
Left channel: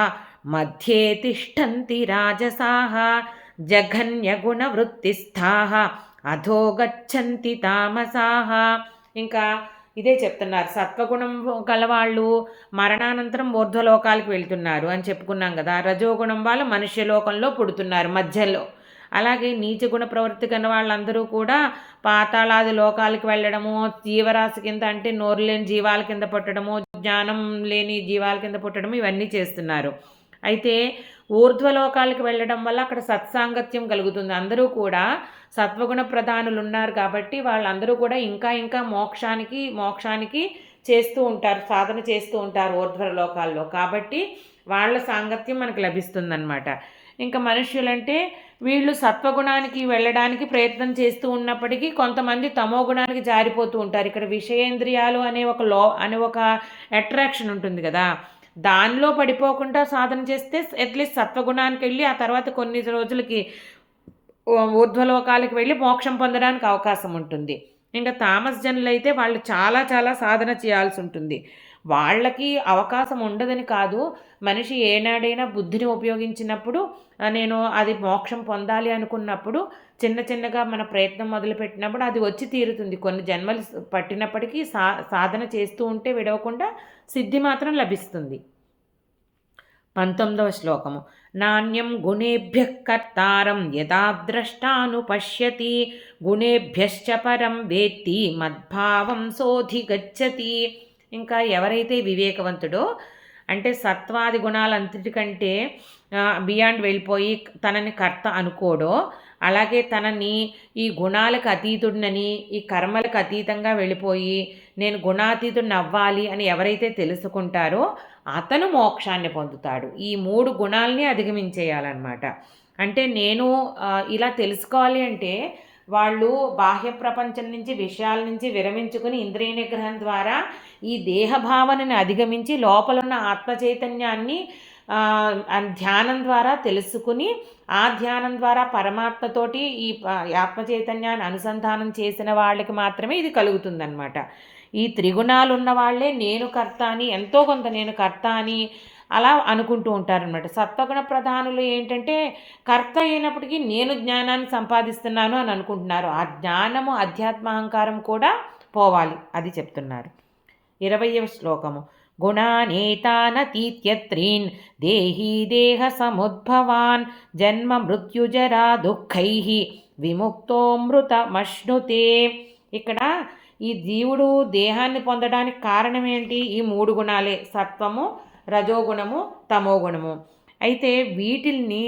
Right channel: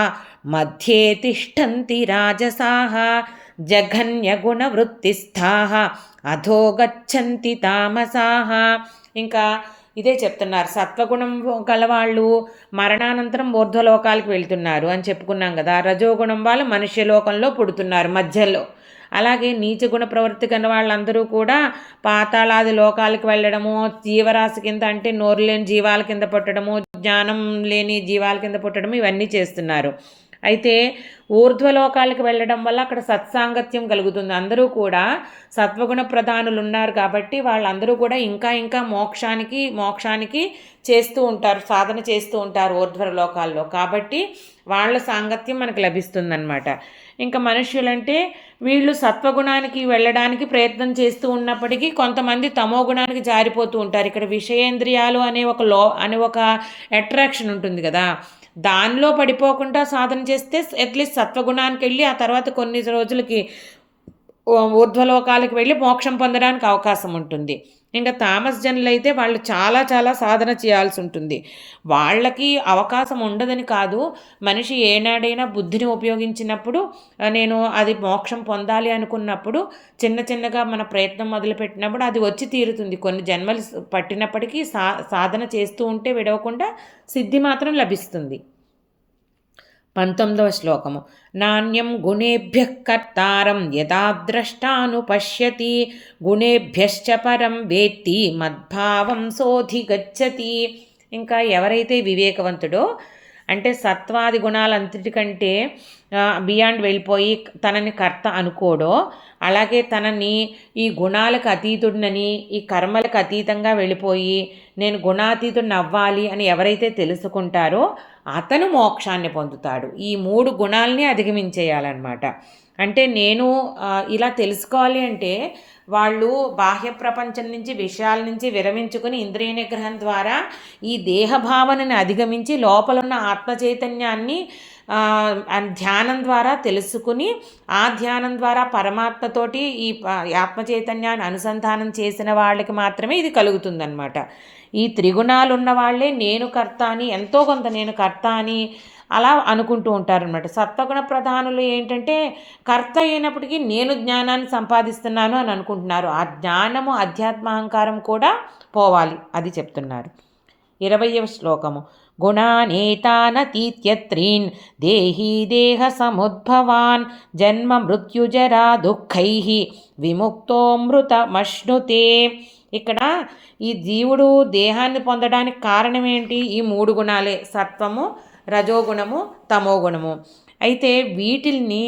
మధ్యే తిష్టంతి రాజసాః జఘన్యగుణవృత్తిస్థాః అధో గచ్చంతి తామసాః. ఇంకా ఇదే చెప్తున్నారు, సత్వగుణం గలవాళ్ళు మరణానంతరం ఊర్ధ్వలోకాలకు వెళ్తున్నారు అని చెప్పుకున్నాం కదా. రజోగుణం వాళ్ళు మనుష్యలోకంలో పుడుతున్నారు మధ్యలో. అలాగే నీచగుణ ప్రవృత్తి కన్న వాళ్ళందరూ కూడా పాతాళాది లోకాలకు వెళ్ళడము, జీవరాశి కింద అంటే నోరు లేని జీవాల కింద పుట్టడము, జ్ఞానం లేని జీవాల కింద పుట్టడము, ఇవన్నీ చేస్తున్నారు. అయితే ఊర్ధ్వలోకాలకు వెళ్ళడం వల్ల అక్కడ సత్సాంగత్యం కలుగుతుంది. అందరూ కూడా సత్వగుణ ప్రధానులు ఉన్నారు కాబట్టి వాళ్ళందరూ కూడా ఇంకా ఇంకా మోక్షానికి చేస్తూ ఉంటారు, సాధన చేస్తూ ఉంటారు ఊర్ధ్వలోకాల్లో. కాబట్టి వాళ్ళ సాంగత్యం మనకు లభిస్తుందన్నమాట. ఇంకా మనుష్యులంటే వీళ్ళు సత్వగుణానికి వెళ్ళడానికి ప్రయత్నం చేస్తూ ఉన్నప్పటికీ కొంతమంది తమో గుణానికి జారిపోతూ ఉంటారు. ఇక్కడ విషయేంద్రియాలు అనే ఒక అట్రాక్షన్ ఉంటుంది కదా, దానిలో పడిపోకుండా సాధన చేస్తే అట్లీస్ట్ సత్వగుణానికి వెళ్ళి ఆ తర్వాత కొన్ని రోజులకి ఊర్ధ్వలోకాలకు వెళ్ళి మోక్షం పొందడానికి అవకాశం ఉంటుంది. ఇంకా తామస్ జనులు అయితే వాళ్ళు చాలా చాలా సాధన చేయాల్సి ఉంటుంది. వాళ్ళకి అవకాశం ఉండదని కాదు, మనిషి ఏనాడైనా బుద్ధిని ఉపయోగించినప్పుడు, నేను అది మోక్షం పొందాలి అనుకున్నప్పుడు చిన్నగా మన ప్రయత్నం మొదలుపెట్టినప్పుడు అది వచ్చి తీరుతుంది. కొన్ని జన్మలు పట్టినప్పటికీ సాధన చేస్తూ ఉంటే విడవకుండా సిద్ధి మాత్రం లభిస్తుంది. 19వ శ్లోకము. నాణ్యం గుణేభ్యః కర్తారం యదా ద్రష్టానుపశ్యతి గుణేభ్యశ్చ పరం వేత్తి మద్భావం సోధిగచ్చతి. ఇంకా ఎవరైతే వివేకవంతుడో, అంటే సత్వాది గుణాలంతటికంటే బియాండ్ వెళ్ళిపోయి తనని కర్త అనుకోడో, అలాగే తనని ఈ గుణాలకు అతీతుడినని, ఈ కర్మలకు అతీతంగా వెళ్ళిపోయి నేను గుణాతీతుడిని అవ్వాలి అని ఎవరైతే తెలుసుకుంటారో అతను మోక్షాన్ని పొందుతాడు. ఈ 3 గుణాలని అధిగమించేయాలన్నమాట. అంటే నేను ఇలా తెలుసుకోవాలి అంటే వాళ్ళు బాహ్య ప్రపంచం నుంచి, విషయాల నుంచి విరమించుకుని ఇంద్రియ నిగ్రహం ద్వారా ఈ దేహభావనని అధిగమించి లోపలున్న ఆత్మ చైతన్యాన్ని ధ్యానం ద్వారా తెలుసుకుని, ఆ ధ్యానం ద్వారా పరమాత్మతోటి ఈ ఆత్మ చైతన్యాన్ని అనుసంధానం చేసిన వాళ్ళకి మాత్రమే ఇది కలుగుతుందన్నమాట. ఈ త్రిగుణాలు ఉన్న వాళ్ళే నేను కర్త అని, ఎంతో కొంత నేను కర్త అని అలా అనుకుంటూ ఉంటారనమాట. సత్వగుణ ప్రధానులు ఏంటంటే కర్త అయినప్పటికీ నేను జ్ఞానాన్ని సంపాదిస్తున్నాను అని అనుకుంటున్నారు. ఆ జ్ఞానము, అధ్యాత్మ అహంకారం కూడా పోవాలి, అది చెప్తున్నారు. 20వ శ్లోకము. గుణానేతానతీత్యత్రీన్ దేహీ దేహ సముద్భవాన్ జన్మ మృత్యుజరా దుఃఖైః విముక్తోమృతమశ్నుతే. ఇక్కడ ఈ జీవుడు దేహాన్ని పొందడానికి కారణం ఏంటి? ఈ 3 గుణాలే, సత్వము, రజోగుణము, తమోగుణము. అయితే వీటిల్ని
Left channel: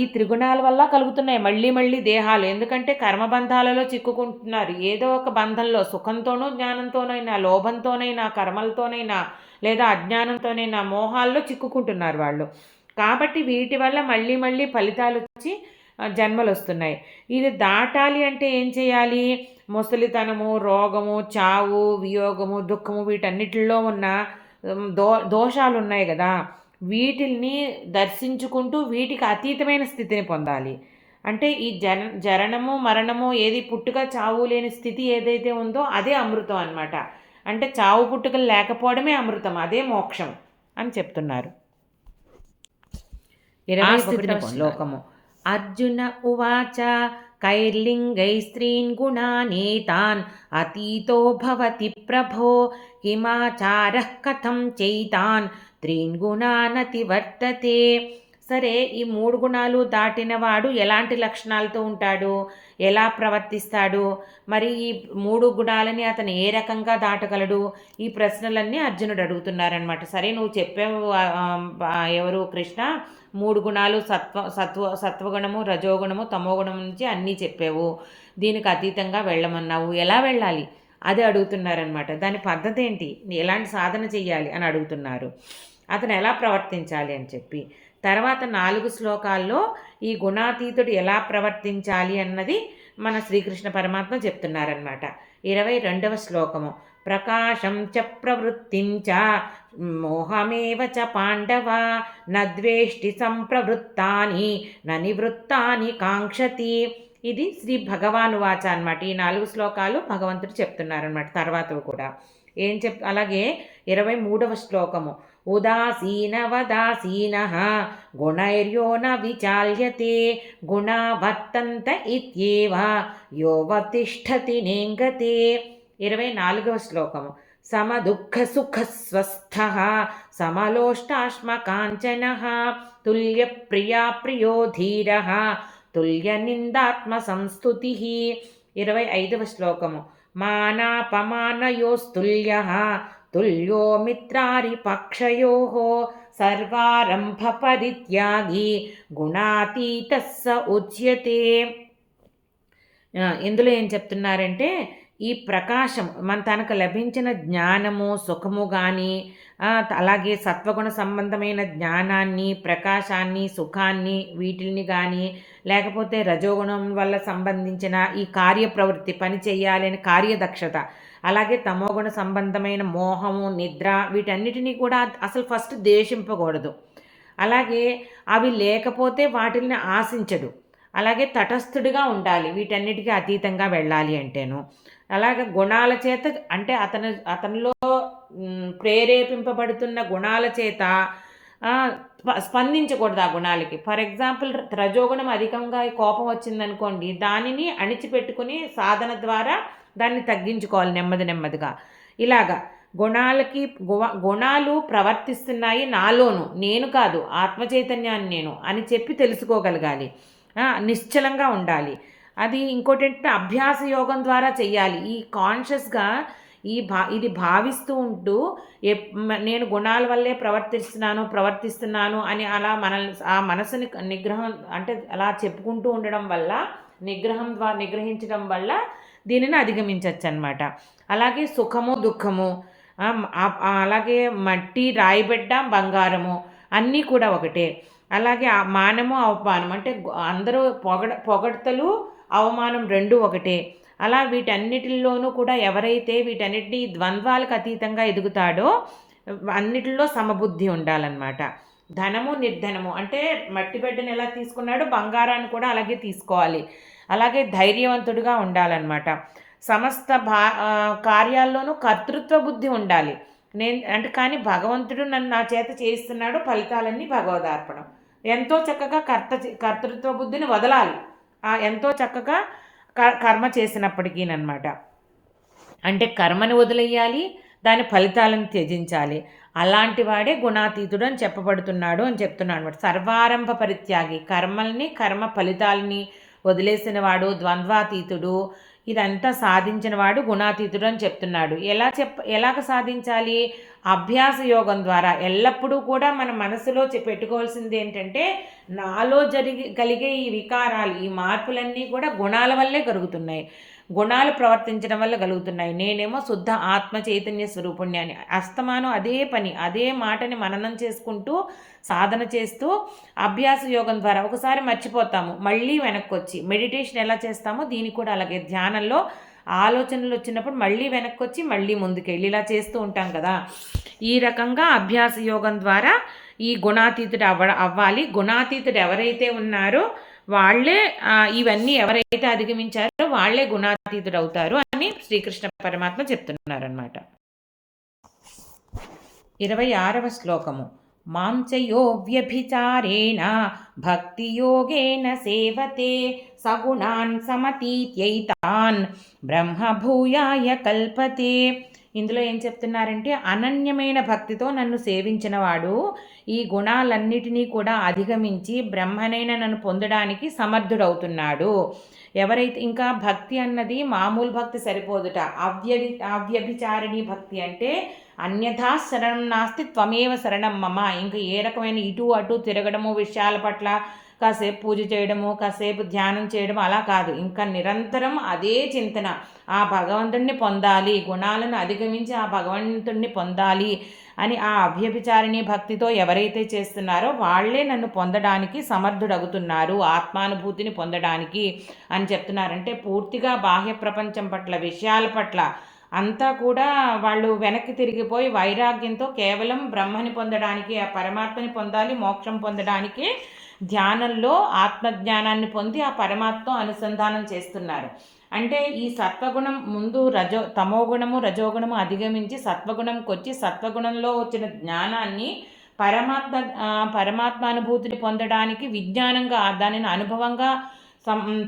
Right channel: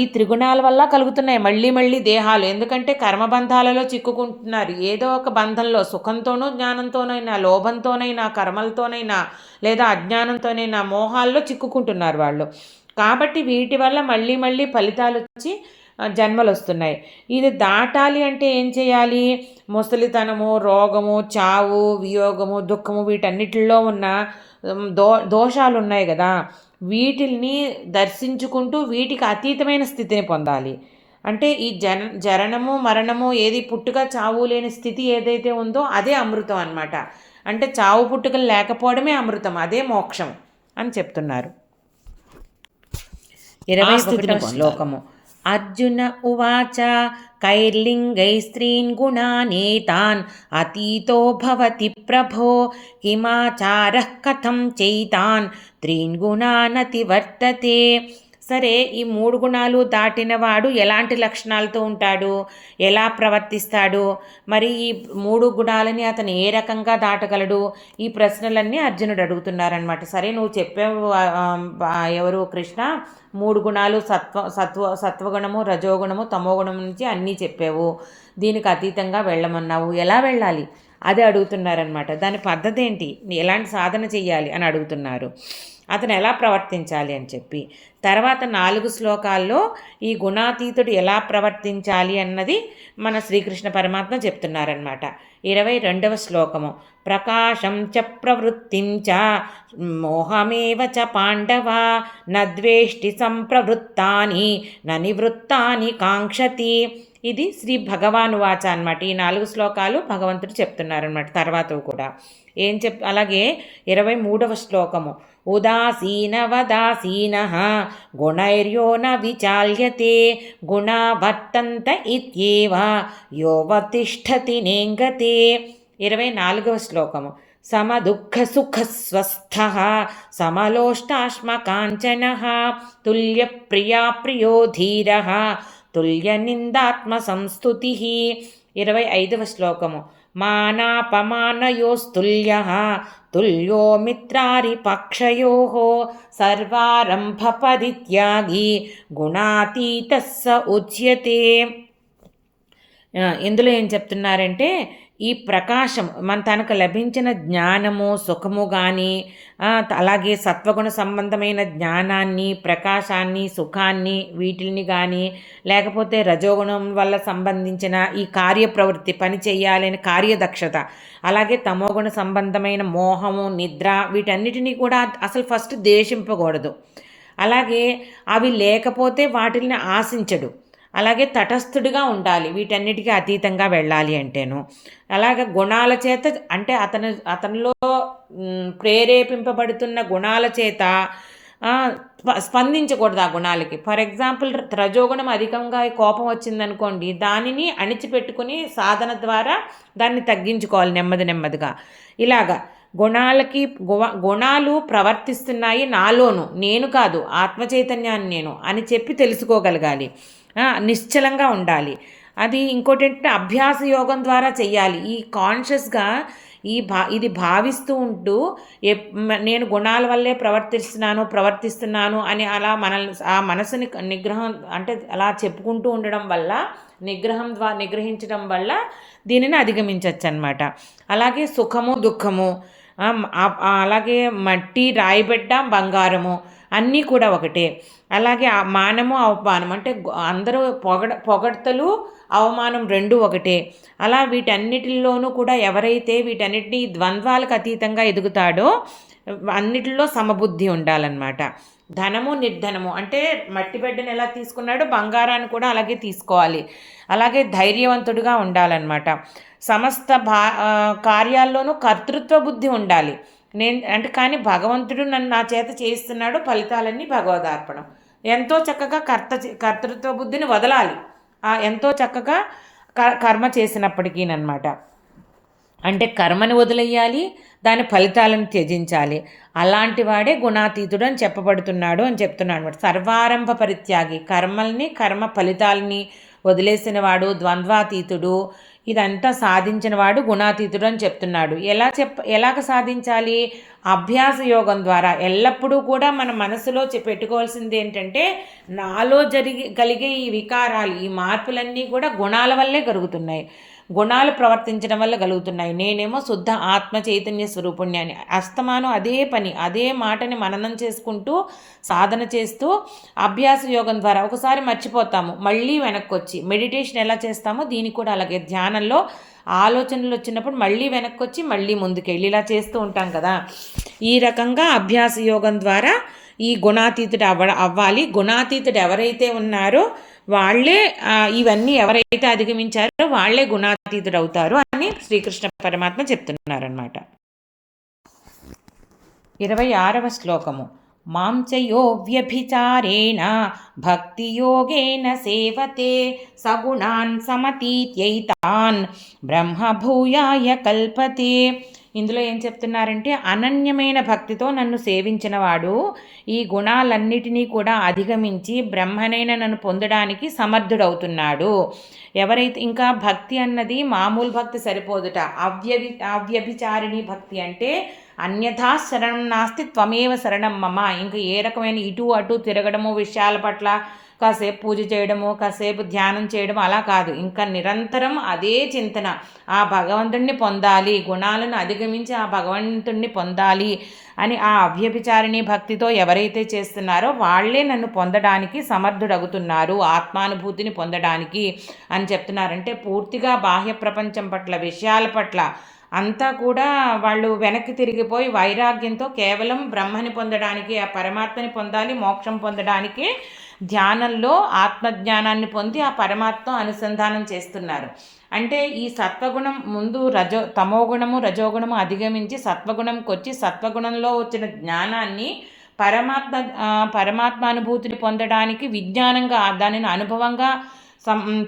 ఈ త్రిగుణాల వల్ల కలుగుతున్నాయి మళ్ళీ మళ్ళీ దేహాలు. ఎందుకంటే కర్మబంధాలలో చిక్కుకుంటున్నారు. ఏదో ఒక బంధంలో, సుఖంతోనూ జ్ఞానంతోనైనా, లోభంతోనైనా, కర్మలతోనైనా, లేదా అజ్ఞానంతోనైనా, మోహాల్లో చిక్కుకుంటున్నారు వాళ్ళు. కాబట్టి వీటి వల్ల మళ్ళీ మళ్ళీ ఫలితాలు వచ్చి జన్మలు వస్తున్నాయి. ఇది దాటాలి అంటే ఏం చేయాలి? ముసలితనము, రోగము, చావు, వియోగము, దుఃఖము, వీటన్నిటిలో ఉన్న దోషాలు ఉన్నాయి కదా, వీటిల్ని దర్శించుకుంటూ వీటికి అతీతమైన స్థితిని పొందాలి. అంటే ఈ జననము మరణము, ఏది పుట్టుక చావు లేని స్థితి ఏదైతే ఉందో అదే అమృతం అన్నమాట. అంటే చావు పుట్టుకలు లేకపోవడమే అమృతం, అదే మోక్షం అని చెప్తున్నారు. 21వ శ్లోకము. అర్జున ఉవాచ కైర్లింగై స్త్రీన్ గుణానేతాన్ అతీతో భవతి ప్రభో కిమాచారః కథం చైతాన్ త్రీన్ గుణానతివర్తతే. సరే, ఈ 3 గుణాలు దాటినవాడు ఎలాంటి లక్షణాలతో ఉంటాడు, ఎలా ప్రవర్తిస్తాడు, మరి ఈ 3 గుణాలని అతను ఏ రకంగా దాటగలడు? ఈ ప్రశ్నలన్నీ అర్జునుడు అడుగుతున్నారనమాట. సరే, నువ్వు చెప్పావు ఎవరు కృష్ణ, 3 గుణాలు సత్వగుణము, రజోగుణము, తమోగుణం నుంచి అన్నీ చెప్పావు, దీనికి అతీతంగా వెళ్ళమన్నావు, ఎలా వెళ్ళాలి అదే అడుగుతున్నారనమాట. దాని పద్ధతి ఏంటి, ఎలాంటి సాధన చెయ్యాలి అని అడుగుతున్నారు. అతను ఎలా ప్రవర్తించాలి అని చెప్పి తర్వాత 4 శ్లోకాల్లో ఈ గుణాతీతుడు ఎలా ప్రవర్తించాలి అన్నది మన శ్రీకృష్ణ పరమాత్మ చెప్తున్నారనమాట. 22వ శ్లోకము. ప్రకాశం చ ప్రవృత్తిం చ మోహమేవ చ పాండవ నద్వేష్టి సంప్రవృత్తాని నివృత్తాని కాంక్షతి. ఇది శ్రీ భగవాను వాచ అనమాట. ఈ 4 శ్లోకాలు భగవంతుడు చెప్తున్నారనమాట. తర్వాత కూడా అలాగే 23వ శ్లోకము. ఉదాసీనవదాసీనః గుణైర్యో న విచాల్యతే గుణా వర్తంత ఇత్యేవ యో వర్తిష్ఠతి నేంగతే. 24వ శ్లోకము. సమదుఃఖ సుఖ స్వస్థః సమలోష్టాశ్మకాంచనః తుల్య ప్రియా ప్రియో ధీరః తుల్య నిందాత్మ సంస్తుతిః. 25వ శ్లోకము. మానాపమానయోస్తుల్యః తుల్యో మిత్రారిపక్షయోః సర్వారంభ పరిత్యాగి గుణాతీతః స ఉచ్యతే. ఇందులో ఏం చెప్తున్నారంటే, ఈ ప్రకాశం తనకు లభించిన జ్ఞానము, సుఖము కానీ, అలాగే సత్వగుణ సంబంధమైన జ్ఞానాన్ని, ప్రకాశాన్ని, సుఖాన్ని, వీటిని కానీ, లేకపోతే రజోగుణం వల్ల సంబంధించిన ఈ కార్యప్రవృత్తి, పని చేయాలని కార్యదక్షత, అలాగే తమోగుణ సంబంధమైన మోహము, నిద్ర, వీటన్నిటినీ కూడా అసలు ఫస్ట్ ద్వేషింపకూడదు. అలాగే అవి లేకపోతే వాటిని ఆశించడు. అలాగే తటస్థుడిగా ఉండాలి, వీటన్నిటికీ అతీతంగా వెళ్ళాలి అంటేను. అలాగే గుణాల చేత, అంటే అతనిలో ప్రేరేపింపబడుతున్న గుణాల చేత స్పందించకూడదు ఆ గుణాలకి. ఫర్ ఎగ్జాంపుల్, రజోగుణం అధికంగా కోపం వచ్చిందనుకోండి, దానిని అణిచిపెట్టుకుని సాధన ద్వారా దాన్ని తగ్గించుకోవాలి నెమ్మదిగా. ఇలాగా గుణాలు ప్రవర్తిస్తున్నాయి నాలోను, నేను కాదు, ఆత్మచైతన్యాన్ని నేను అని చెప్పి తెలుసుకోగలగాలి. నిశ్చలంగా ఉండాలి. అది ఇంకోటి ఏంటంటే అభ్యాస యోగం ద్వారా చెయ్యాలి. ఈ కాన్షియస్గా ఇది భావిస్తూ ఉంటూ నేను గుణాల వల్లే ప్రవర్తిస్తున్నాను అని అలా ఆ మనసుని నిగ్రహం, అంటే అలా చెప్పుకుంటూ ఉండడం వల్ల, నిగ్రహించడం వల్ల దీనిని అధిగమించవచ్చు అన్నమాట. అలాగే సుఖము, దుఃఖము, అలాగే మట్టి, రాయిబిడ్డ, బంగారము అన్నీ కూడా ఒకటే. అలాగే మానము, అవమానం, అంటే అందరూ పొగడ్తలు, అవమానం రెండు ఒకటే. అలా వీటన్నిటిలోనూ కూడా ఎవరైతే వీటన్నిటినీ ద్వంద్వాలకు అతీతంగా ఎదుగుతాడో అన్నిటిలో సమబుద్ధి ఉండాలన్నమాట. ధనము, నిర్ధనము, అంటే మట్టి బిడ్డను ఎలా తీసుకున్నాడో బంగారాన్ని కూడా అలాగే తీసుకోవాలి. అలాగే ధైర్యవంతుడిగా ఉండాలన్నమాట. సమస్త కార్యాల్లోనూ కర్తృత్వ బుద్ధి ఉండాలి. కానీ భగవంతుడు నా చేత చేయిస్తున్నాడు, ఫలితాలన్నీ భగవదార్పణం. ఎంతో చక్కగా కర్తృత్వ బుద్ధిని వదలాలి, ఎంతో చక్కగా కర్మ చేసినప్పటికీనమాట. అంటే కర్మని వదిలేయాలి, దాని ఫలితాలను త్యజించాలి. అలాంటి వాడే గుణాతీతుడు అని చెప్పబడుతున్నాడు అని చెప్తున్నాడు. సర్వారంభ పరిత్యాగి, కర్మ ఫలితాలని వదిలేసిన వాడు, ద్వంద్వాతీతుడు, ఇదంతా సాధించిన వాడు గుణాతీతుడు అని చెప్తున్నాడు. ఎలాగ సాధించాలి? అభ్యాస యోగం ద్వారా. ఎల్లప్పుడూ కూడా మన మనసులో పెట్టుకోవాల్సింది ఏంటంటే, నాలో కలిగే ఈ వికారాలు, ఈ మార్పులన్నీ కూడా గుణాల వల్లే కలుగుతున్నాయి, గుణాలు ప్రవర్తించడం వల్ల కలుగుతున్నాయి. నేనేమో శుద్ధ ఆత్మ చైతన్య స్వరూపుణ్ణి అని అస్తమానం అదే మాటని మననం చేసుకుంటూ సాధన చేస్తూ అభ్యాస యోగం ద్వారా ఒకసారి మర్చిపోతాము, మళ్ళీ వెనక్కి వచ్చి మెడిటేషన్ ఎలా చేస్తామో దీనికి కూడా అలాగే ధ్యానంలో ఆలోచనలు వచ్చినప్పుడు మళ్ళీ వెనక్కి వచ్చి మళ్ళీ ముందుకెళ్ళి ఇలా చేస్తూ ఉంటాం కదా. ఈ రకంగా అభ్యాస యోగం ద్వారా ఈ గుణాతీతుడు అవ్వాలి. గుణాతీతుడు ఎవరైతే ఉన్నారో వాళ్ళే ఇవన్నీ ఎవరైతే అధిగమించారో వాళ్ళే గుణాతీతుడు అవుతారు అని శ్రీకృష్ణ పరమాత్మ చెప్తున్నారన్నమాట. 26వ శ్లోకము. మాం చయో వ్యభిచారేణ భక్తియోగేన సేవతే సగుణాన్ సమతీత్యైతాన్ బ్రహ్మభూయాయ కల్పతే. ఇందులో ఏం చెప్తున్నారంటే, అనన్యమైన భక్తితో నన్ను సేవించినవాడు ఈ గుణాలన్నిటినీ కూడా అధిగమించి బ్రహ్మనైన నన్ను పొందడానికి సమర్థుడవుతున్నాడు. ఎవరైతే, ఇంకా భక్తి అన్నది మామూలు భక్తి సరిపోదుట. అవ్యభిచారిణి భక్తి అంటే అన్యథా శరణం నాస్తి త్వమేవ శరణం మమ. ఇంకా ఏ రకమైన ఇటు అటు తిరగడము, విషయాల పట్ల కాసేపు పూజ చేయడము, కాసేపు ధ్యానం చేయడం అలా కాదు. ఇంకా నిరంతరం అదే చింతన, ఆ భగవంతుణ్ణి పొందాలి, గుణాలను అధిగమించి ఆ భగవంతుణ్ణి పొందాలి అని ఆ అవ్యభిచారిణి భక్తితో ఎవరైతే చేస్తున్నారో వాళ్ళే నన్ను పొందడానికి సమర్థుడవుతున్నారు, ఆత్మానుభూతిని పొందడానికి అని చెప్తున్నారంటే, పూర్తిగా బాహ్య ప్రపంచం పట్ల, విషయాల పట్ల అంతా కూడా వాళ్ళు వెనక్కి తిరిగిపోయి వైరాగ్యంతో కేవలం బ్రహ్మని పొందడానికి, ఆ పరమాత్మని పొందాలి, మోక్షం పొందడానికి ధ్యానంలో ఆత్మజ్ఞానాన్ని పొంది ఆ పరమాత్మ అనుసంధానం చేస్తున్నారు. అంటే ఈ సత్వగుణం ముందు తమోగుణము రజోగుణము అధిగమించి సత్వగుణంకి వచ్చి సత్వగుణంలో వచ్చిన జ్ఞానాన్ని పరమాత్మ అనుభూతిని పొందడానికి విజ్ఞానంగా దానిని అనుభవంగా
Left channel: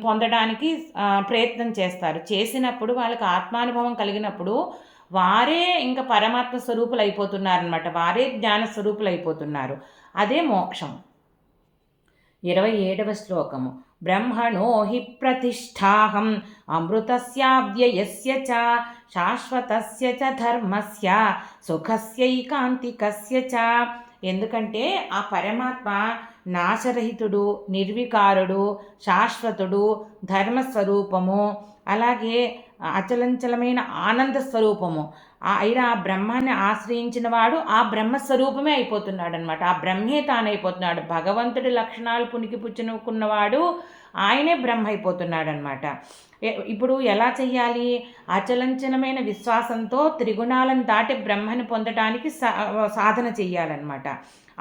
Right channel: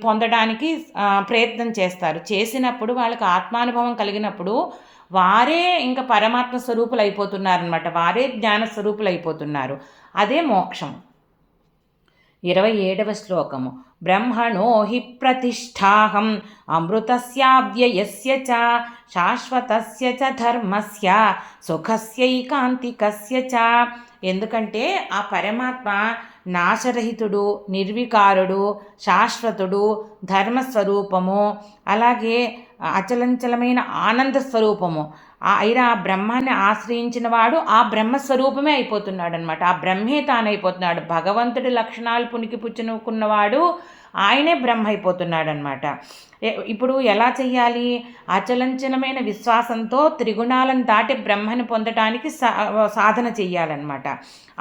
పొందడానికి ప్రయత్నం చేస్తారు. చేసినప్పుడు వాళ్ళకి ఆత్మానుభవం కలిగినప్పుడు వారే ఇంకా పరమాత్మ స్వరూపులు అయిపోతున్నారనమాట, వారే జ్ఞాన స్వరూపులు అయిపోతున్నారు. అదే మోక్షం. 27వ శ్లోకము. బ్రహ్మణో హి ప్రతిష్టాహం అమృతస్యావ్యయస్య చ శాశ్వతస్య చ ధర్మస్య సుఖస్యైకాంతికస్య చ. ఎందుకంటే ఆ పరమాత్మ నాశరహితుడు, నిర్వికారుడు, శాశ్వతుడు, ధర్మస్వరూపము, అలాగే అచలంచలమైన ఆనంద స్వరూపము అయినా ఆ బ్రహ్మాన్ని ఆశ్రయించిన వాడు ఆ బ్రహ్మస్వరూపమే అయిపోతున్నాడు అనమాట. ఆ బ్రహ్మే తానైపోతున్నాడు. భగవంతుడి లక్షణాలు పునికి పుచ్చుకున్నవాడు ఆయనే బ్రహ్మ అయిపోతున్నాడు అనమాట. ఇప్పుడు ఎలా చెయ్యాలి? అచలంచనమైన విశ్వాసంతో త్రిగుణాలను దాటి బ్రహ్మని పొందడానికి సాధన చెయ్యాలన్నమాట.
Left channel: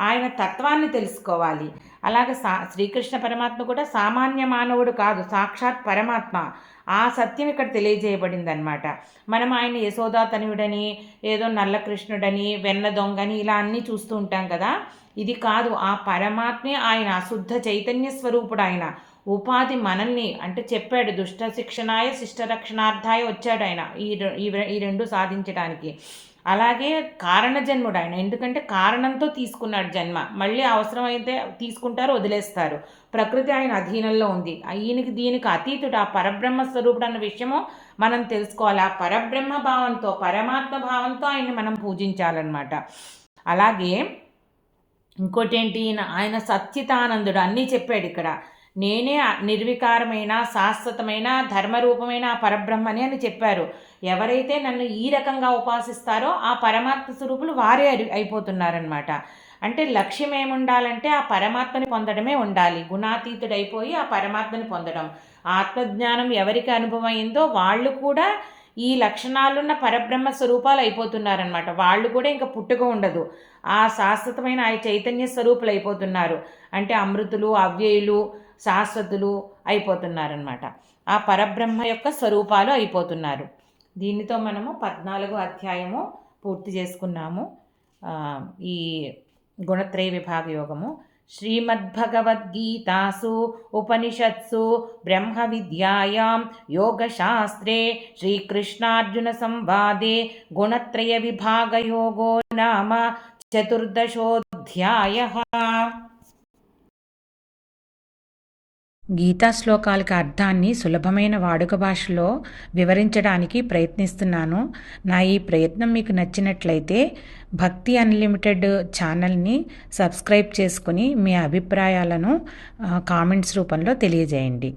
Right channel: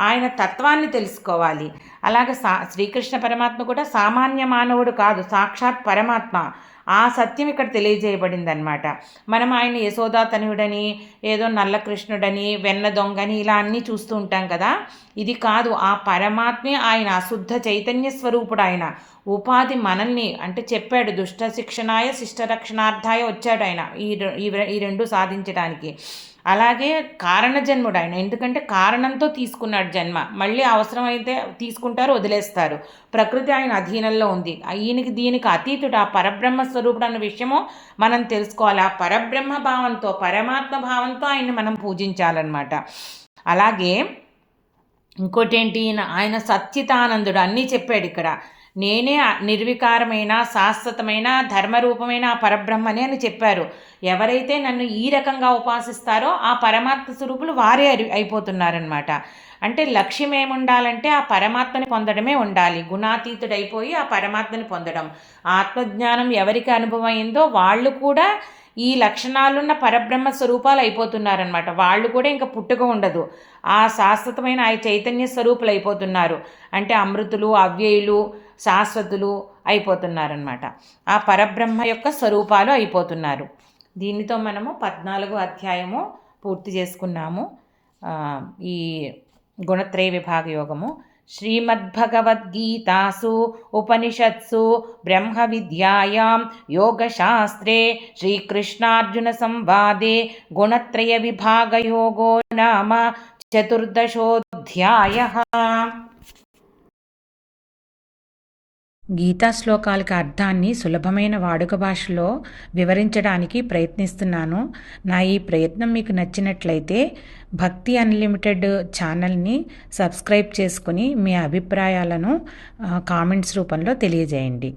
ఆయన తత్వాన్ని తెలుసుకోవాలి. అలాగే శ్రీకృష్ణ పరమాత్మ కూడా సామాన్య మానవుడు కాదు, సాక్షాత్ పరమాత్మ. ఆ సత్యం ఇక్కడ తెలియజేయబడింది అనమాట. మనం ఆయన యశోదా తనయుడని, ఏదో నల్ల కృష్ణుడని, వెన్న దొంగని ఇలా అన్నీ చూస్తూ ఉంటాం కదా. ఇది కాదు, ఆ పరమాత్మే ఆయన అశుద్ధ చైతన్య స్వరూపుడు. ఆయన ఉపాధి మనల్ని అంటే చెప్పాడు, దుష్ట శిక్షణాయ శిష్ట రక్షణార్థాయ వచ్చాడు ఆయన ఈ రెండు సాధించడానికి. అలాగే కారణ జన్ముడు ఆయన, ఎందుకంటే కారణంతో తీసుకున్నాడు జన్మ. మళ్ళీ అవసరమైతే తీసుకుంటారు, వదిలేస్తారు. ప్రకృతి ఆయన అధీనంలో ఉంది. దీనికి అతీతుడు, ఆ పరబ్రహ్మ స్వరూపుడు అన్న విషయము మనం తెలుసుకోవాలి. ఆ పరబ్రహ్మ భావంతో, పరమాత్మ భావంతో ఆయన్ని మనం పూజించాలన్నమాట. అలాగే ఇంకోటి ఏంటి, ఆయన సచ్చితానందుడు అన్నీ చెప్పాడు ఇక్కడ. నేనే నిర్వికారమైన శాశ్వతమైన ధర్మరూపమైన ఆ పరబ్రహ్మని అని చెప్పారు. ఎవరైతే నన్ను ఈ రకంగా ఉపాసిస్తారో ఆ పరమాత్మ స్వరూపులు వారే అయిపోతున్నారనమాట. అంటే లక్ష్యం ఏముండాలంటే ఆ పరమాత్మని పొందడమే ఉండాలి. గుణాతీతుడైపోయి ఆ పరమాత్మని పొందడం. ఆత్మజ్ఞానం ఎవరికి అనుభవం అయిందో వాళ్ళు కూడా ఈ లక్షణాలున్న పరబ్రహ్మ స్వరూపాలు అయిపోతున్నారనమాట. వాళ్ళు కూడా ఇంకా పుట్టుక ఉండదు, ఆ శాశ్వతమైన ఆ చైతన్య స్వరూపులు అయిపోతున్నారు. అంటే అమృతులు, అవ్యయులు, శాశ్వతులు అయిపోతున్నారనమాట. ఆ పరబ్రహ్మ యొక్క స్వరూపాలు అయిపోతున్నారు. దీనితో మనము 14వ అధ్యాయము పూర్తి చేసుకున్నాము. ఈ గుణత్రయ విభాగ యోగము. श्रीमद्भगवद्गीतासु उपनिषत्सु ब्रह्मविद्यायां योगशास्त्रे श्रीकृष्णार्जुनसंवादे गुणत्रयविभागयोगो नाम चतुर्दशोऽध्यायः। గీతా శ్లోకాలకు అర్థాన్ని సులభమైన వాడుక భాషలో వివరించడానికి ప్రయత్నిస్తున్నాను. నా ఈ ప్రయత్నం మీకు నచ్చినట్లయితే భక్తి అన్లిమిటెడ్ ఛానల్ని సబ్స్క్రైబ్ చేసుకుని మీ అభిప్రాయాలను కామెంట్స్ రూపంలో తెలియజేయండి.